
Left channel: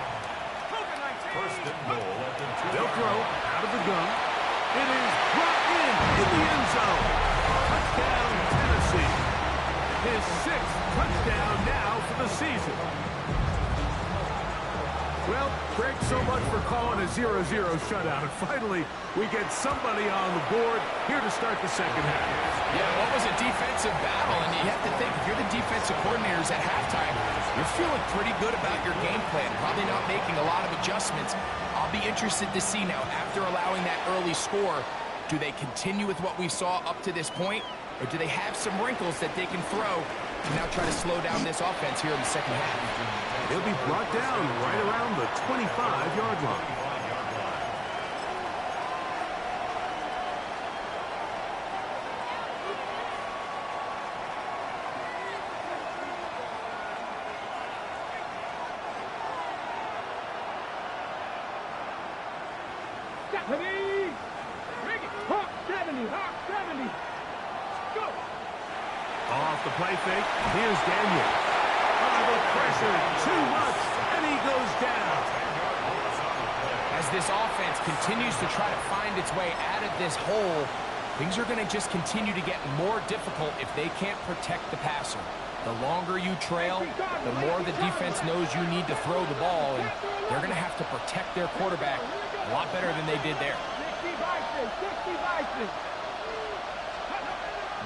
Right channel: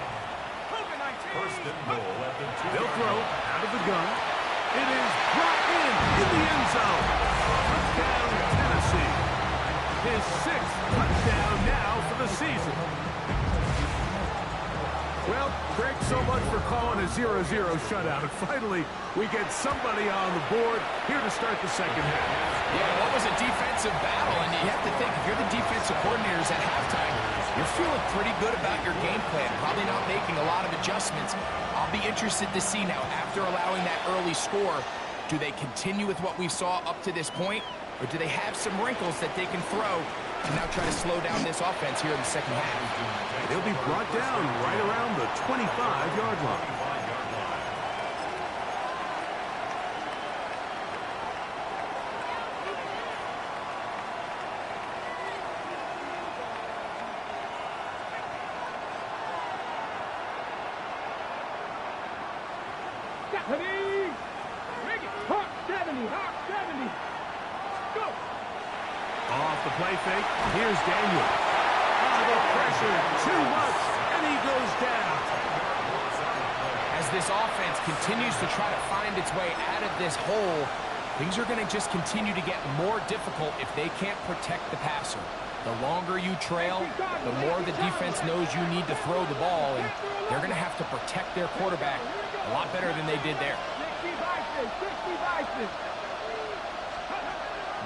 1st and goal at the 2-yard line. They'll throw out of the gun. It is brought in the end zone. Touchdown, Tennessee. His 6th touchdown now for the season. Well, Greg, so much for calling a 0-0 shutout. And finally, we get somebody on the board here to start the 2nd half. Yeah, what was a defensive battle? And you have to think, if you're the defensive coordinators at halftime, you're feeling pretty good about your game plan, probably not making a lot of adjustments. I'll be interested to see now, after allowing that early score, do they continue with what we saw up to this point, or do they have some wrinkles that they can throw and now try to slow down this offense here in the 2nd half? They'll be brought down right around the 25-yard line. Stephanie! Bring it! Hawk 70, Hawk 70. Go! Off the play fake, here's Daniel. The pressure, too much, and he goes down. As this offense continues to try to find its way out of this hole, things are going to just continue to get more difficult if they can't protect the passer. The longer you trail, the more the defense knows you need to throw the ball, and they're going to have to protect their quarterback a lot better than they did there. 60 vices.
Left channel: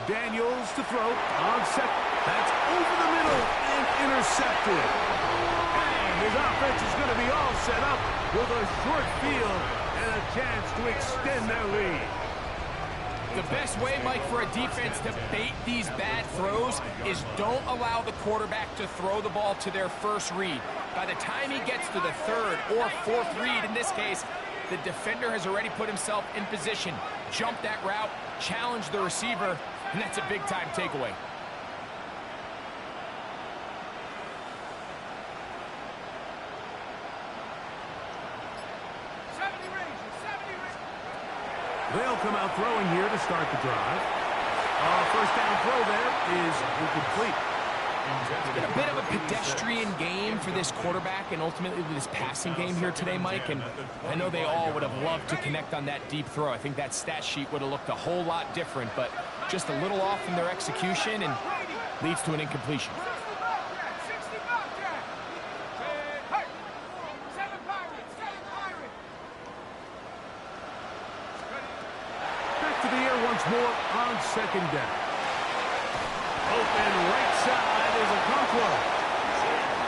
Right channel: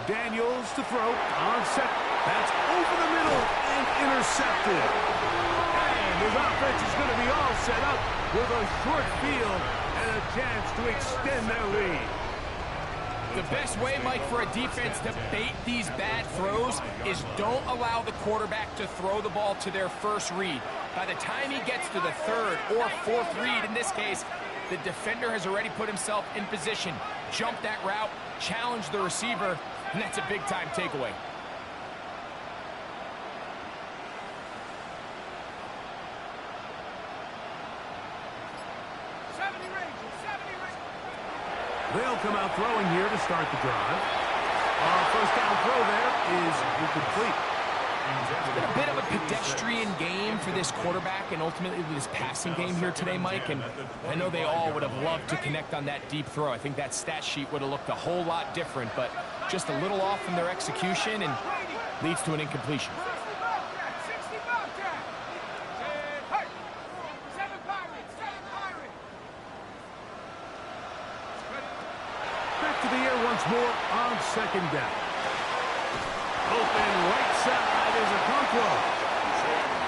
Daniels to throw on 2nd. That's over the middle and intercepted. And his offense is going to be all set up with a short field and a chance to extend their lead. The best way, Mike, for a defense to bait these bad throws is don't allow the quarterback to throw the ball to their first read. By the time he gets to the 3rd or 4th read, in this case, the defender has already put himself in position, jumped that route, challenged the receiver, and that's a big-time takeaway. They'll come out throwing here to start the drive. First down throw there is incomplete. It's been a bit of a pedestrian game for this quarterback and ultimately this passing game here today, Mike. And I know they all would have loved to connect on that deep throw. I think that stat sheet would have looked a whole lot different, but just a little off in their execution and leads to an incompletion. Back to the air once more on 2nd down. Open right side is Okonkwo.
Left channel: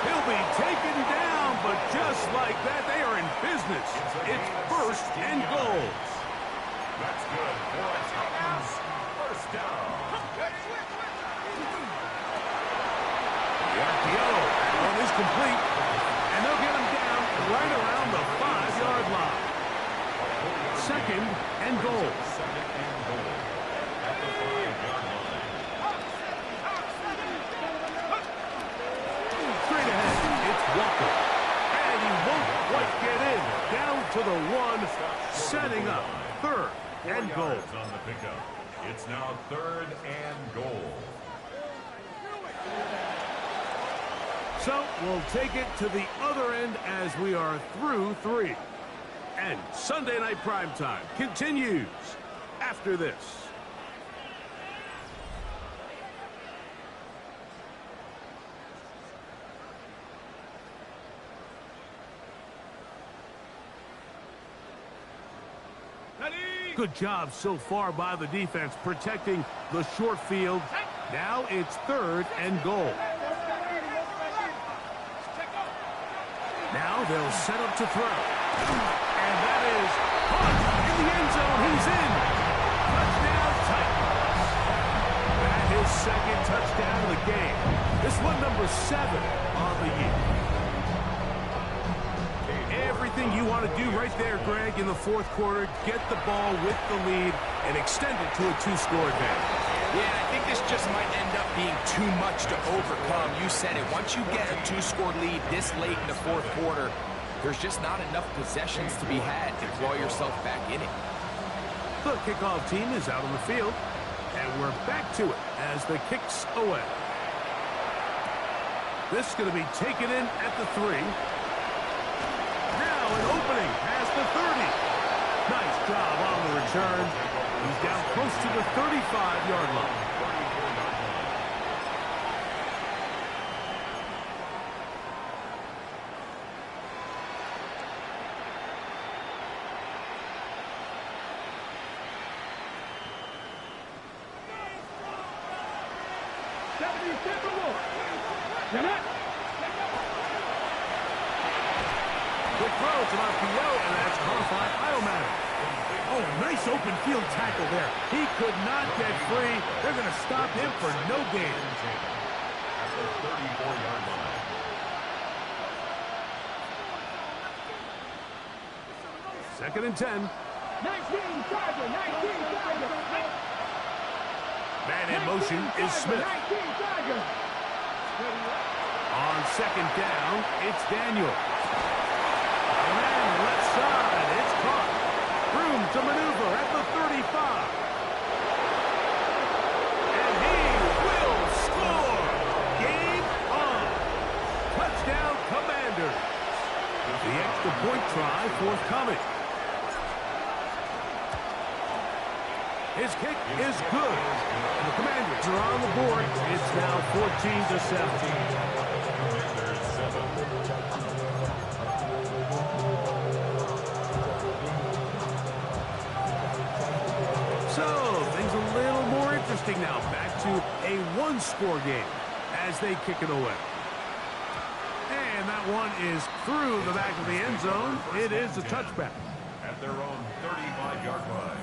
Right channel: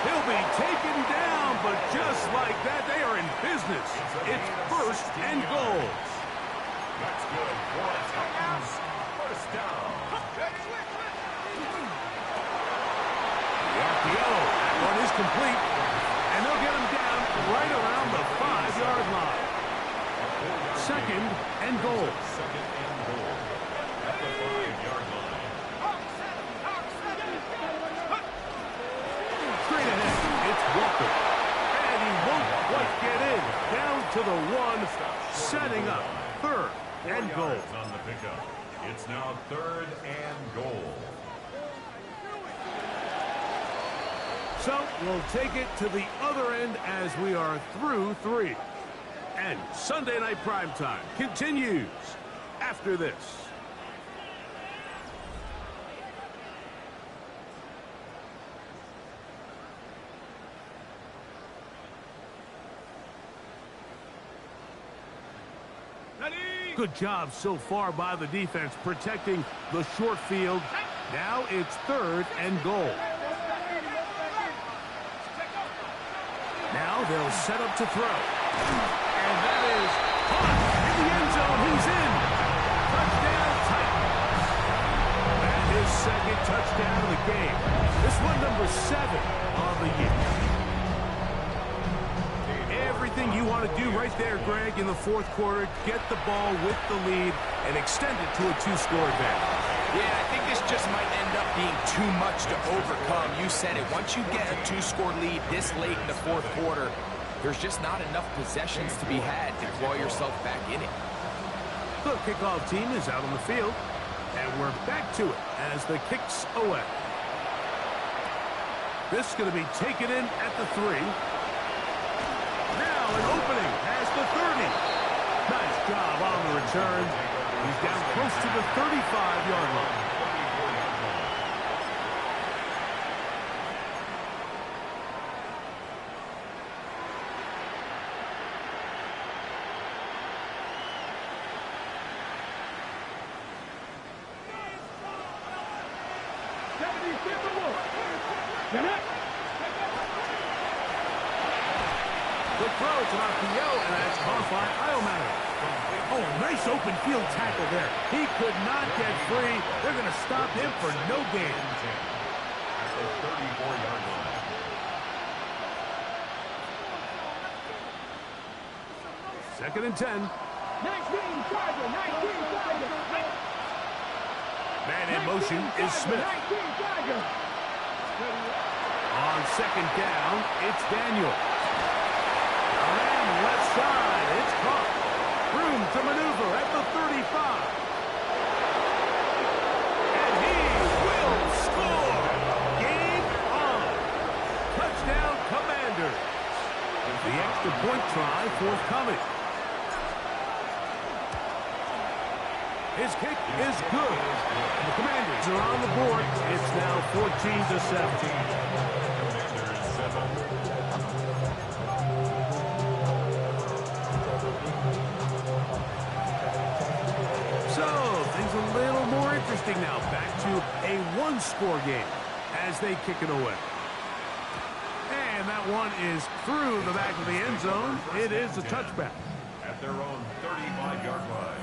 He'll be taken down, but just like that, they are in business. It's 1st and goal. That's good for a Titans. First down. The RPO, that one is complete. And they'll get him down right around the 5-yard line. 2nd and goal. 2nd and goal at the 5-yard line. Straight ahead, it's Walker. And he won't quite get in. Down to the 1, setting up 3rd and goal. On the pickup. It's now 3rd and goal. So we'll take it to the other end as we are through 3. And Sunday Night Primetime continues after this. Good job so far by the defense protecting the short field. Now it's 3rd and goal. Now they'll set up to throw. And that is caught in the end zone. He's in. Touchdown, Titans. That is second touchdown of the game. This one number 7 on the year. Everything you want to do right there, Greg, in the fourth quarter. Get the ball with the lead and extend it to a 2-score advantage. Yeah, I think this just might end up being too much to overcome. You said it. Once you get a 2-score lead this late in the fourth quarter, there's just not enough possessions to be had to claw yourself back in it. The kickoff team is out on the field, and we're back to it as the kick's away. This is going to be taken in at the 3. Now an opening has the 30. Nice job on the return. He's down close to the 35-yard line. Quick throw, it's an RPO, and that's caught by Iomatic. Oh, a nice open field tackle there. He could not get free. They're going to stop him for no gain. At the 34-yard line. Second and 10. 19 Charger, 19 Charger. Man in motion is Smith. 19 Charger. On second down, it's Daniel. Man left side, it's caught. Room to maneuver at the 35. And he will score. Game on. Touchdown, Commanders. The extra point try forthcoming. His kick is good. And the Commanders are on the board. It's now 14-7. Commanders 7. So, things a little more interesting now. Back to a 1-score game as they kick it away. And that one is through the back of the end zone. It is a touchback. At their own 35-yard line.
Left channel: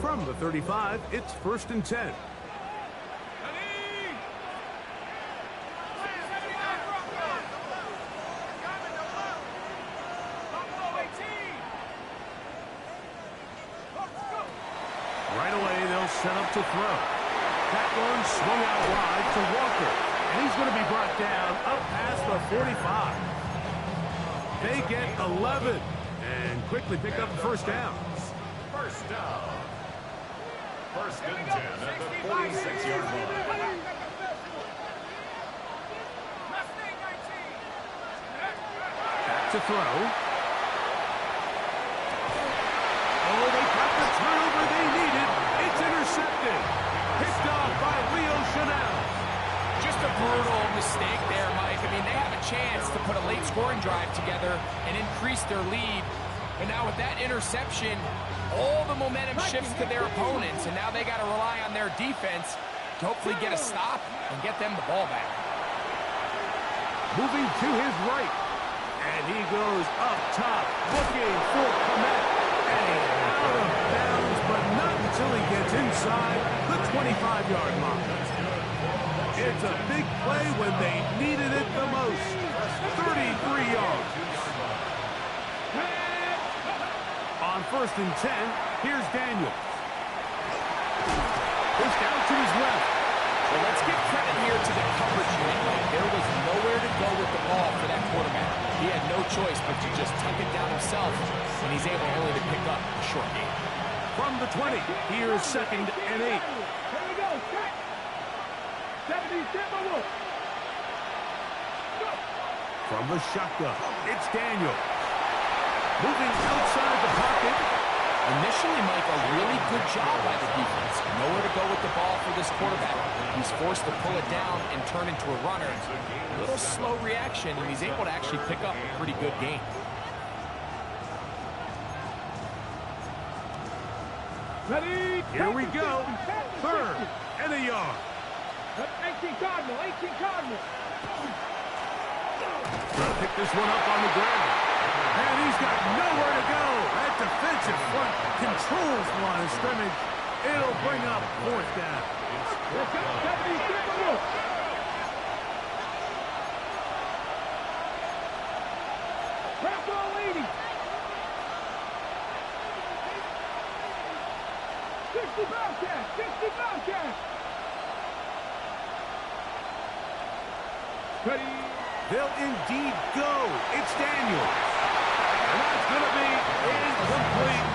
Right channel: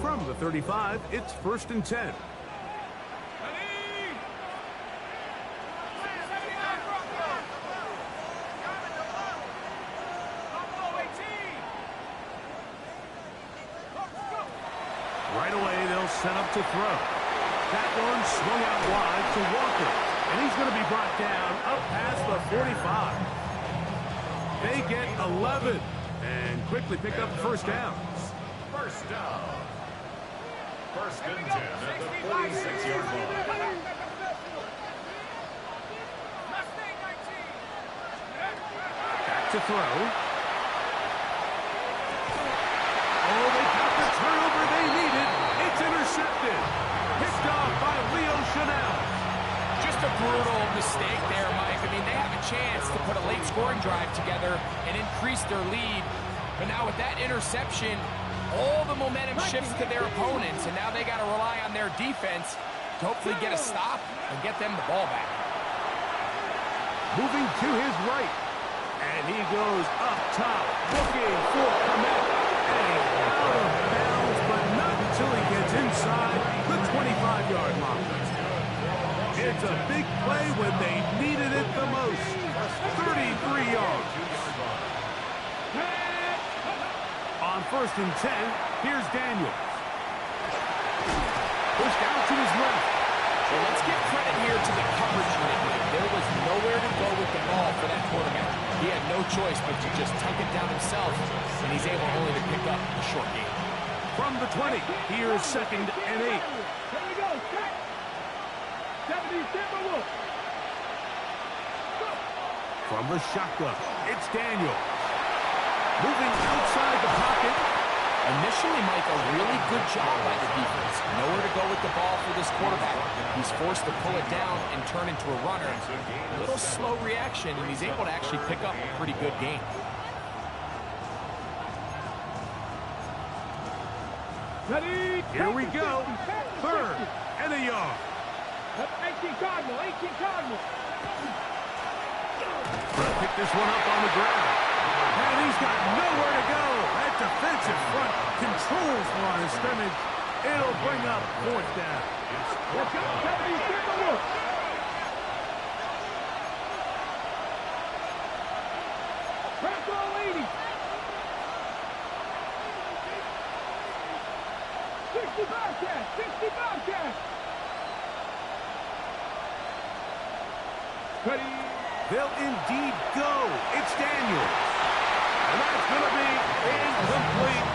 From the 35, it's 1st and 10. Right away, they'll set up to throw. That one swung out wide to Walker. And he's going to be brought down up past the 45. They get 11 and quickly pick up the first down. First down. First and 10 at the 46-yard line. Back to throw. Oh, they got the turnover they needed. It's intercepted. Picked off by Leo Chanel. Just a brutal mistake there, Mike. I mean, they have a chance to put a late scoring drive together and increase their lead. But now with that interception, all the momentum shifts to their opponents, and now they got to rely on their defense to hopefully get a stop and get them the ball back. Moving to his right. And he goes up top, looking for Komet. And out of bounds, but not until he gets inside the 25-yard line. It's a big play when they needed it the most. 33 yards. On 1st and 10, here's Daniel. Pushed out to his left. Well, let's give credit here to the coverage unit, Mike. There was nowhere to go with the ball for that quarterback. He had no choice but to just tuck it down himself, and he's able only to pick up a short gain. From the 20, here's 2nd and 8. Here we go. 70 Timberwolf. From the shotgun, it's Daniel. Moving outside the pocket. Initially, Mike, a really good job by the defense. Nowhere to go with the ball for this quarterback. He's forced to pull it down and turn into a runner. A little slow reaction, and he's able to actually pick up a pretty good gain. Ready? Here we go. 3rd and a yard. 18 Cardinal, 18 Cardinal. Gonna pick this one up on the ground. And he's got nowhere to go. That defensive front controls the line of scrimmage. It'll bring up 4th down. Let's go, 70, get the look. Crack all 80. 60 Bobcats, 60 Bobcats. Ready. They'll indeed go. It's Daniels. And that's going to be incomplete.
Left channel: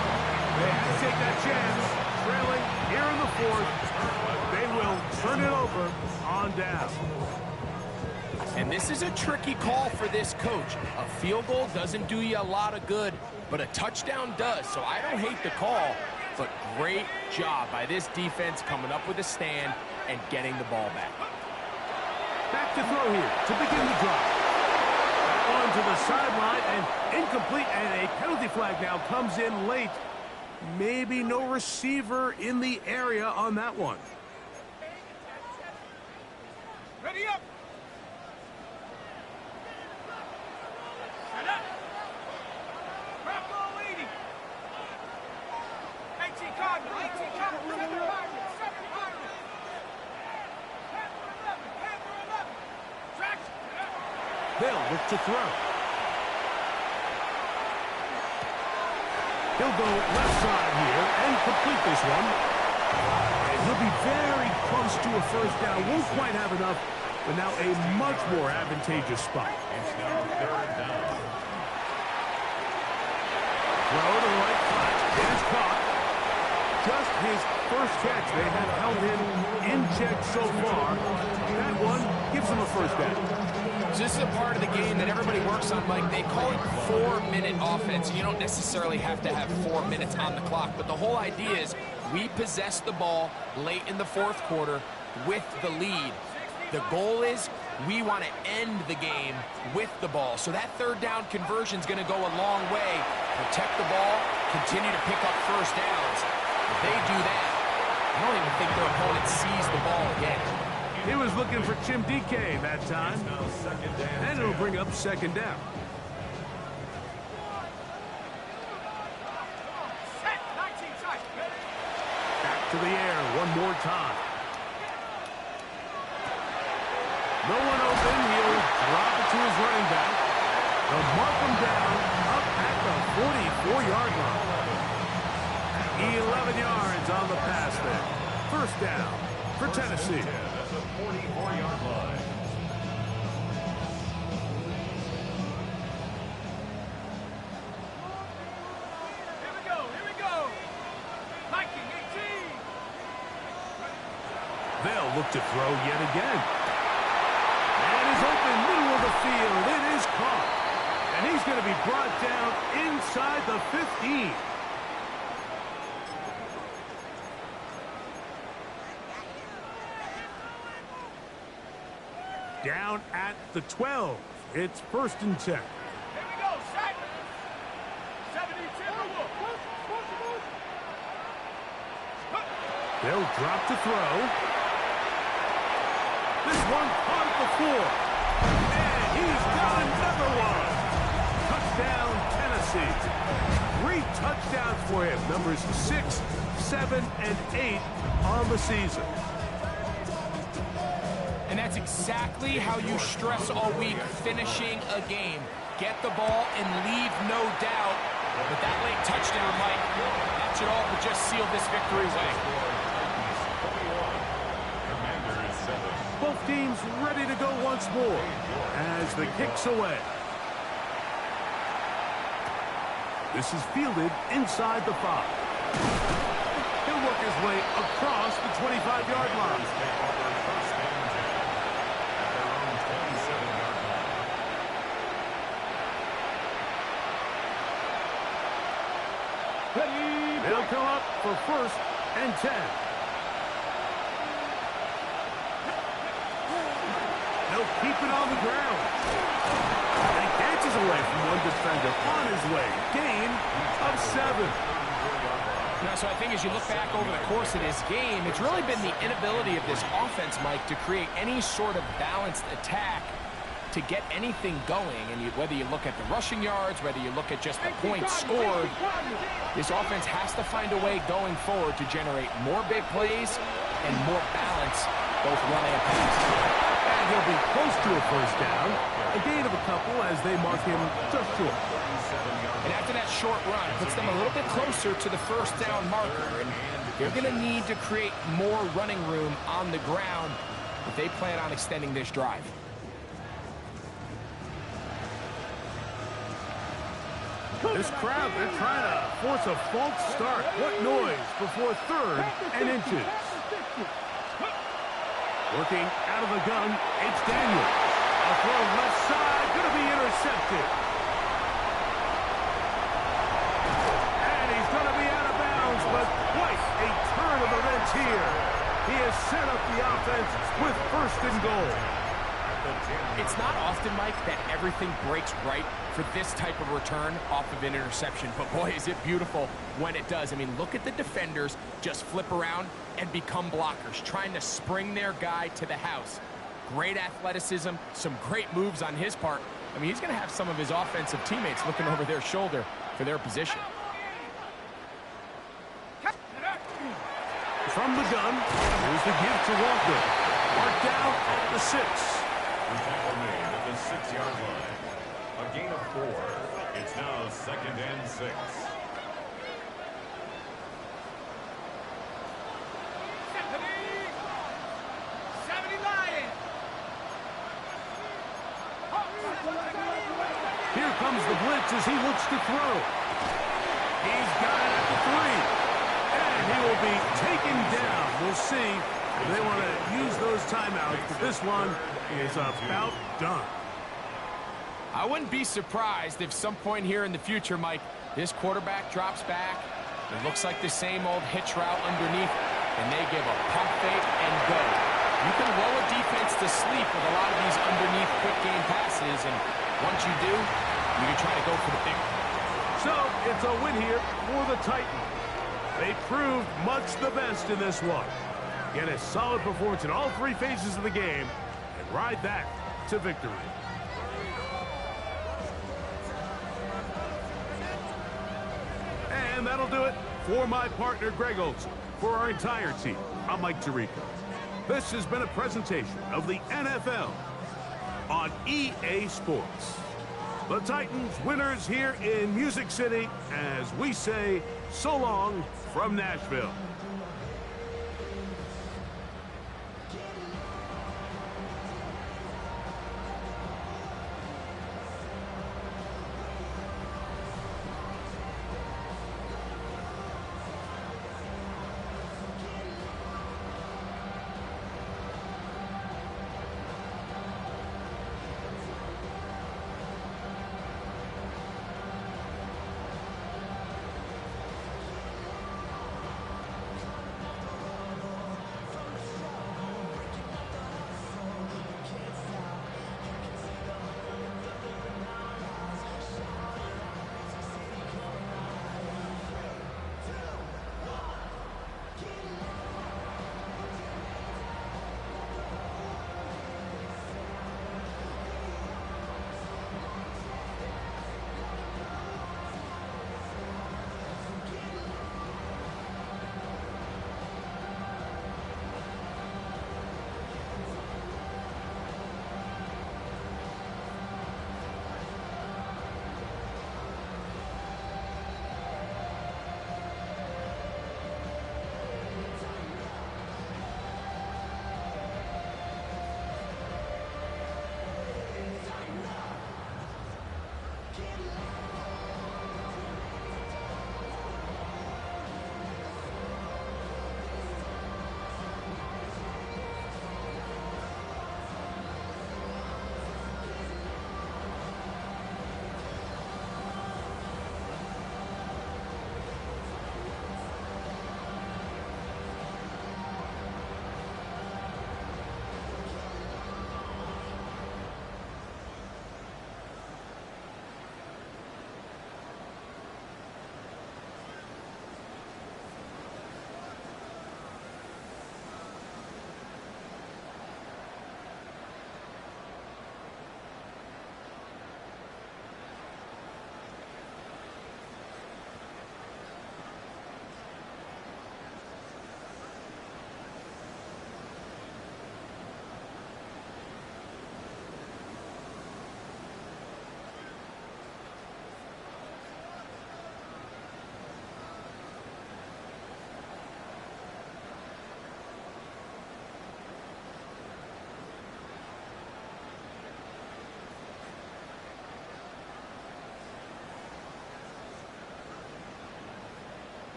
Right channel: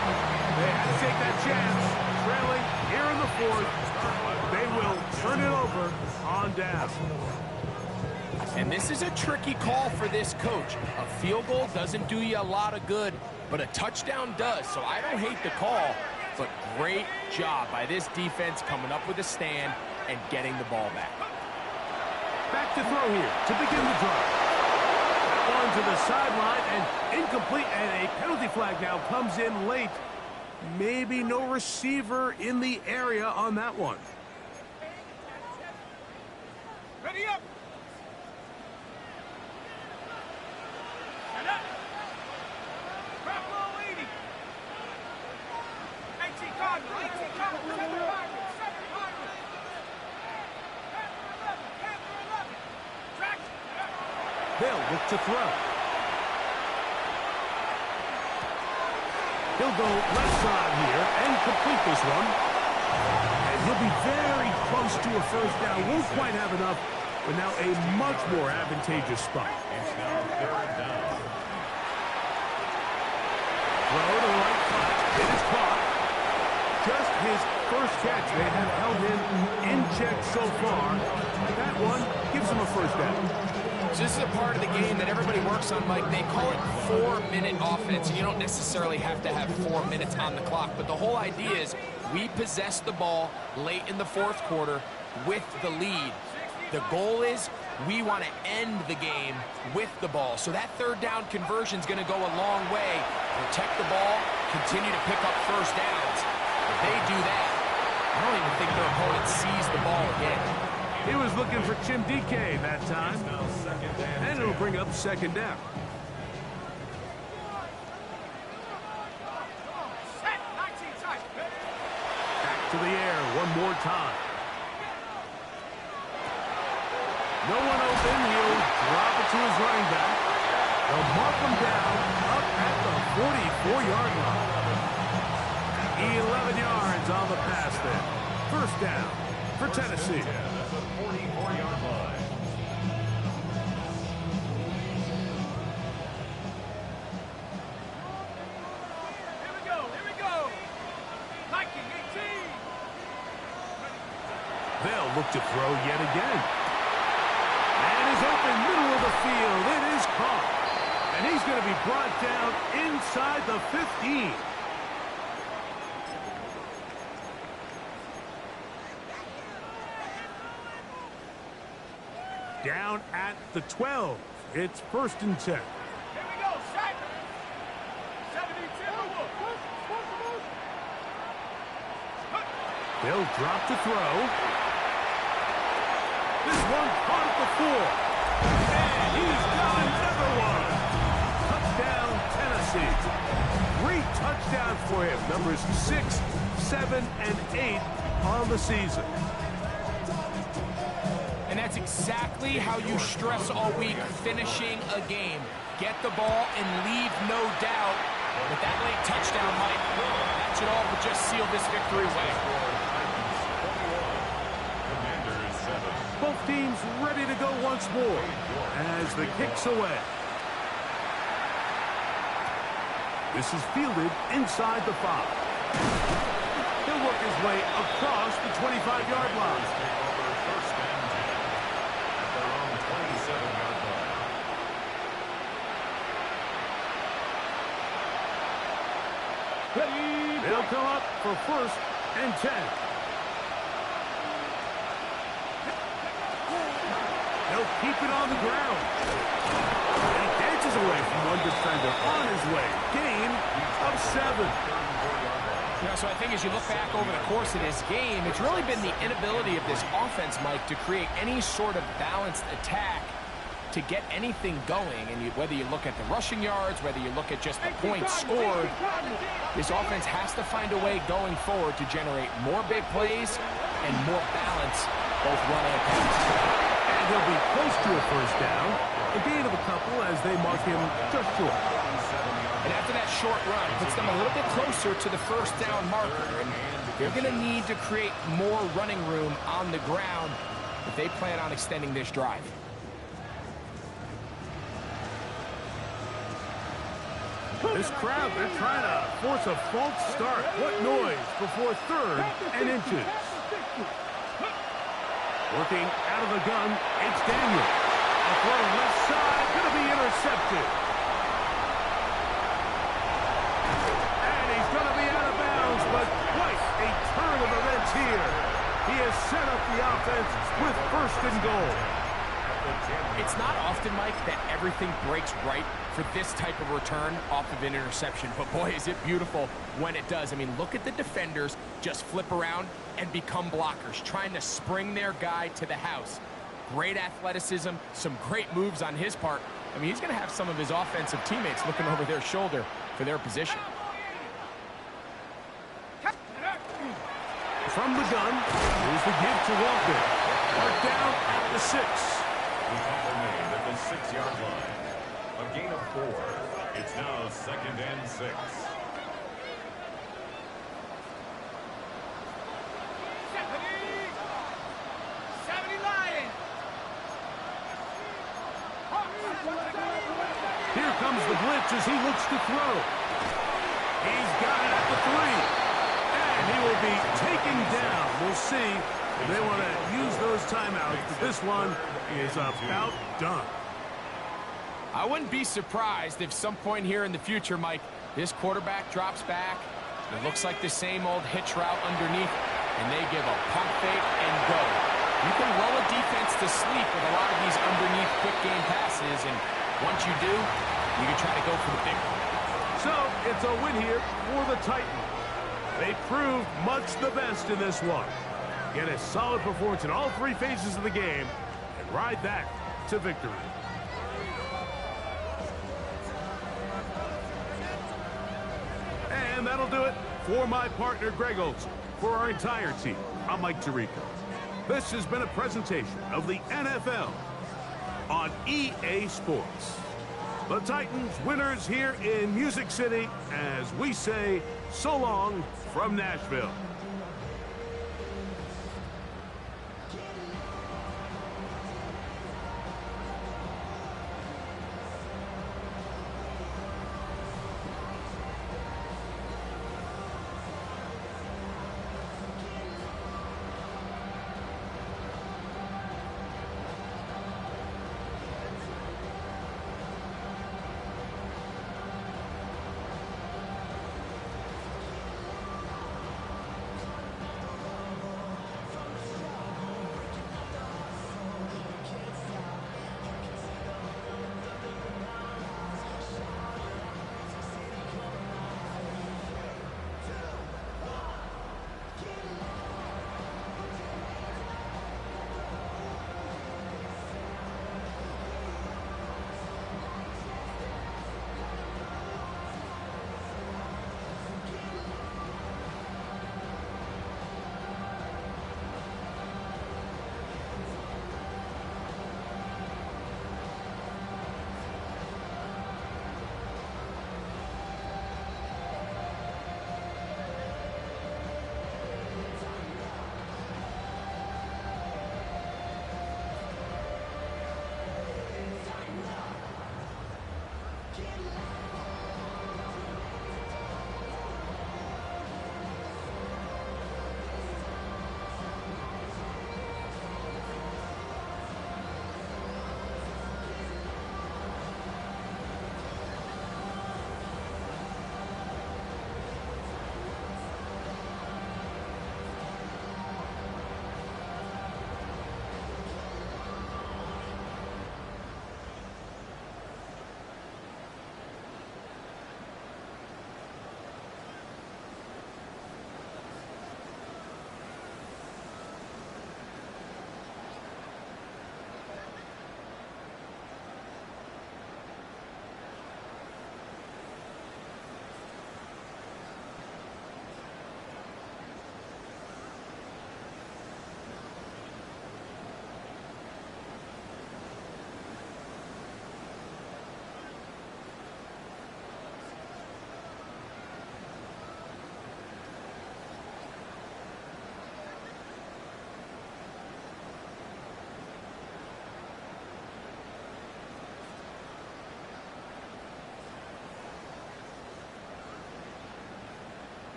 They had to take that chance. Trailing here in the 4th. They will turn it over on down. And this is a tricky call for this coach. A field goal doesn't do you a lot of good, but a touchdown does. So I don't hate the call, but great job by this defense coming up with a stand and getting the ball back. Back to throw here to begin the drive. That one to the sideline and incomplete, and a penalty flag now comes in late. Maybe no receiver in the area on that one. Ready up. Set up. Crack all 80. 18 Cardinal, 18 Cardinal, 7 Pirates, 7 Pirates. Panther 11, Panther 11. Traction. They'll look to throw. He'll go left side here and complete this one. And he'll be very close to a 1st down. Won't quite have enough, but now a much more advantageous spot. It's now 3rd down. Throw to the right flat. It is caught. Just his first catch. They have held him in check so far. That one gives him a 1st down. So this is a part of the game that everybody works on, Mike. They call it 4-minute offense. You don't necessarily have to have 4 minutes on the clock, but the whole idea is we possess the ball late in the 4th quarter with the lead. The goal is we want to end the game with the ball. So that 3rd down conversion is going to go a long way. Protect the ball, continue to pick up 1st downs. If they do that, I don't even think their opponent sees the ball again. He was looking for Chim DK that time. It's now 2nd and And it'll bring up 2nd down. Set, 19 tight. Back to the air one more time. No one open. He'll drop it to his running back. They'll mark him down up at the 44-yard line. 11 yards on the pass there. 1st down for Tennessee. That's a 44-yard line. Here we go, here we go. Viking 18. They'll look to throw yet again. And is open middle of the field. It is caught. And he's going to be brought down inside the 15. Down at the 12. It's 1st and 10. Here we go, set. 70 Timberwolves. They'll drop to throw. This one caught at the 4. And he's got another one. Touchdown, Tennessee. 3 touchdowns for him. Numbers 6, 7, and 8 on the season. And that's exactly how you stress all week, finishing a game. Get the ball and leave no doubt. But that late touchdown, Mike, that should all but just seal this victory away. Commanders 7. Both teams ready to go once more as the kick's away. This is fielded inside the 5. He'll work his way across the 25-yard line. Take over 1st and 10 at their own 27-yard line. Ready. They'll come up for 1st and 10. They'll keep it on the ground. And he dances away from one defender on his way. Gain of 7. You know, so I think as you look back over the course of this game, it's really been the inability of this offense, Mike, to create any sort of balanced attack to get anything going, and whether you look at the rushing yards, whether you look at just the points scored, this offense has to find a way going forward to generate more big plays and more balance, both run and pass. And he'll be close to a first down. A gain of a couple as they mark him just short. And after that short run, puts them a little bit closer to the first down marker. And they're going to need to create more running room on the ground if they plan on extending this drive. This crowd, they're trying to force a false start. What noise before 3rd and inches. Working out of the gun, it's Daniel. A throw left side, going to be intercepted. And he's going to be out of bounds, but quite a turn of events here. He has set up the offense with 1st and goal. It's not often, Mike, that everything breaks right for this type of return off of an interception. But, boy, is it beautiful when it does. I mean, look at the defenders just flip around and become blockers, trying to spring their guy to the house. Great athleticism, some great moves on his part. I mean, he's going to have some of his offensive teammates looking over their shoulder for their position. From the gun, here's the give to Walker. Marked down at the 6. The tackle made at the 6-yard line. A gain of 4. It's now 2nd and 6. Here comes the blitz as he looks to throw. He's got it at the 3. And he will be taken down. We'll see if they want to use those timeouts, but this one is about done. I wouldn't be surprised if some point here in the future, Mike, this quarterback drops back. It looks like the same old hitch route underneath, and they give a pump fake and go. You can lull a defense to sleep with a lot of these underneath quick game passes, and once you do, you can try to go for the big one. So it's a win here for the Titans. They proved much the best in this one. Get a solid performance in all 3 phases of the game and ride that to victory. And that'll do it for my partner, Greg Olson. For our entire team, I'm Mike Tirico. This has been a presentation of the NFL on EA Sports. The Titans winners here in Music City as we say so long from Nashville.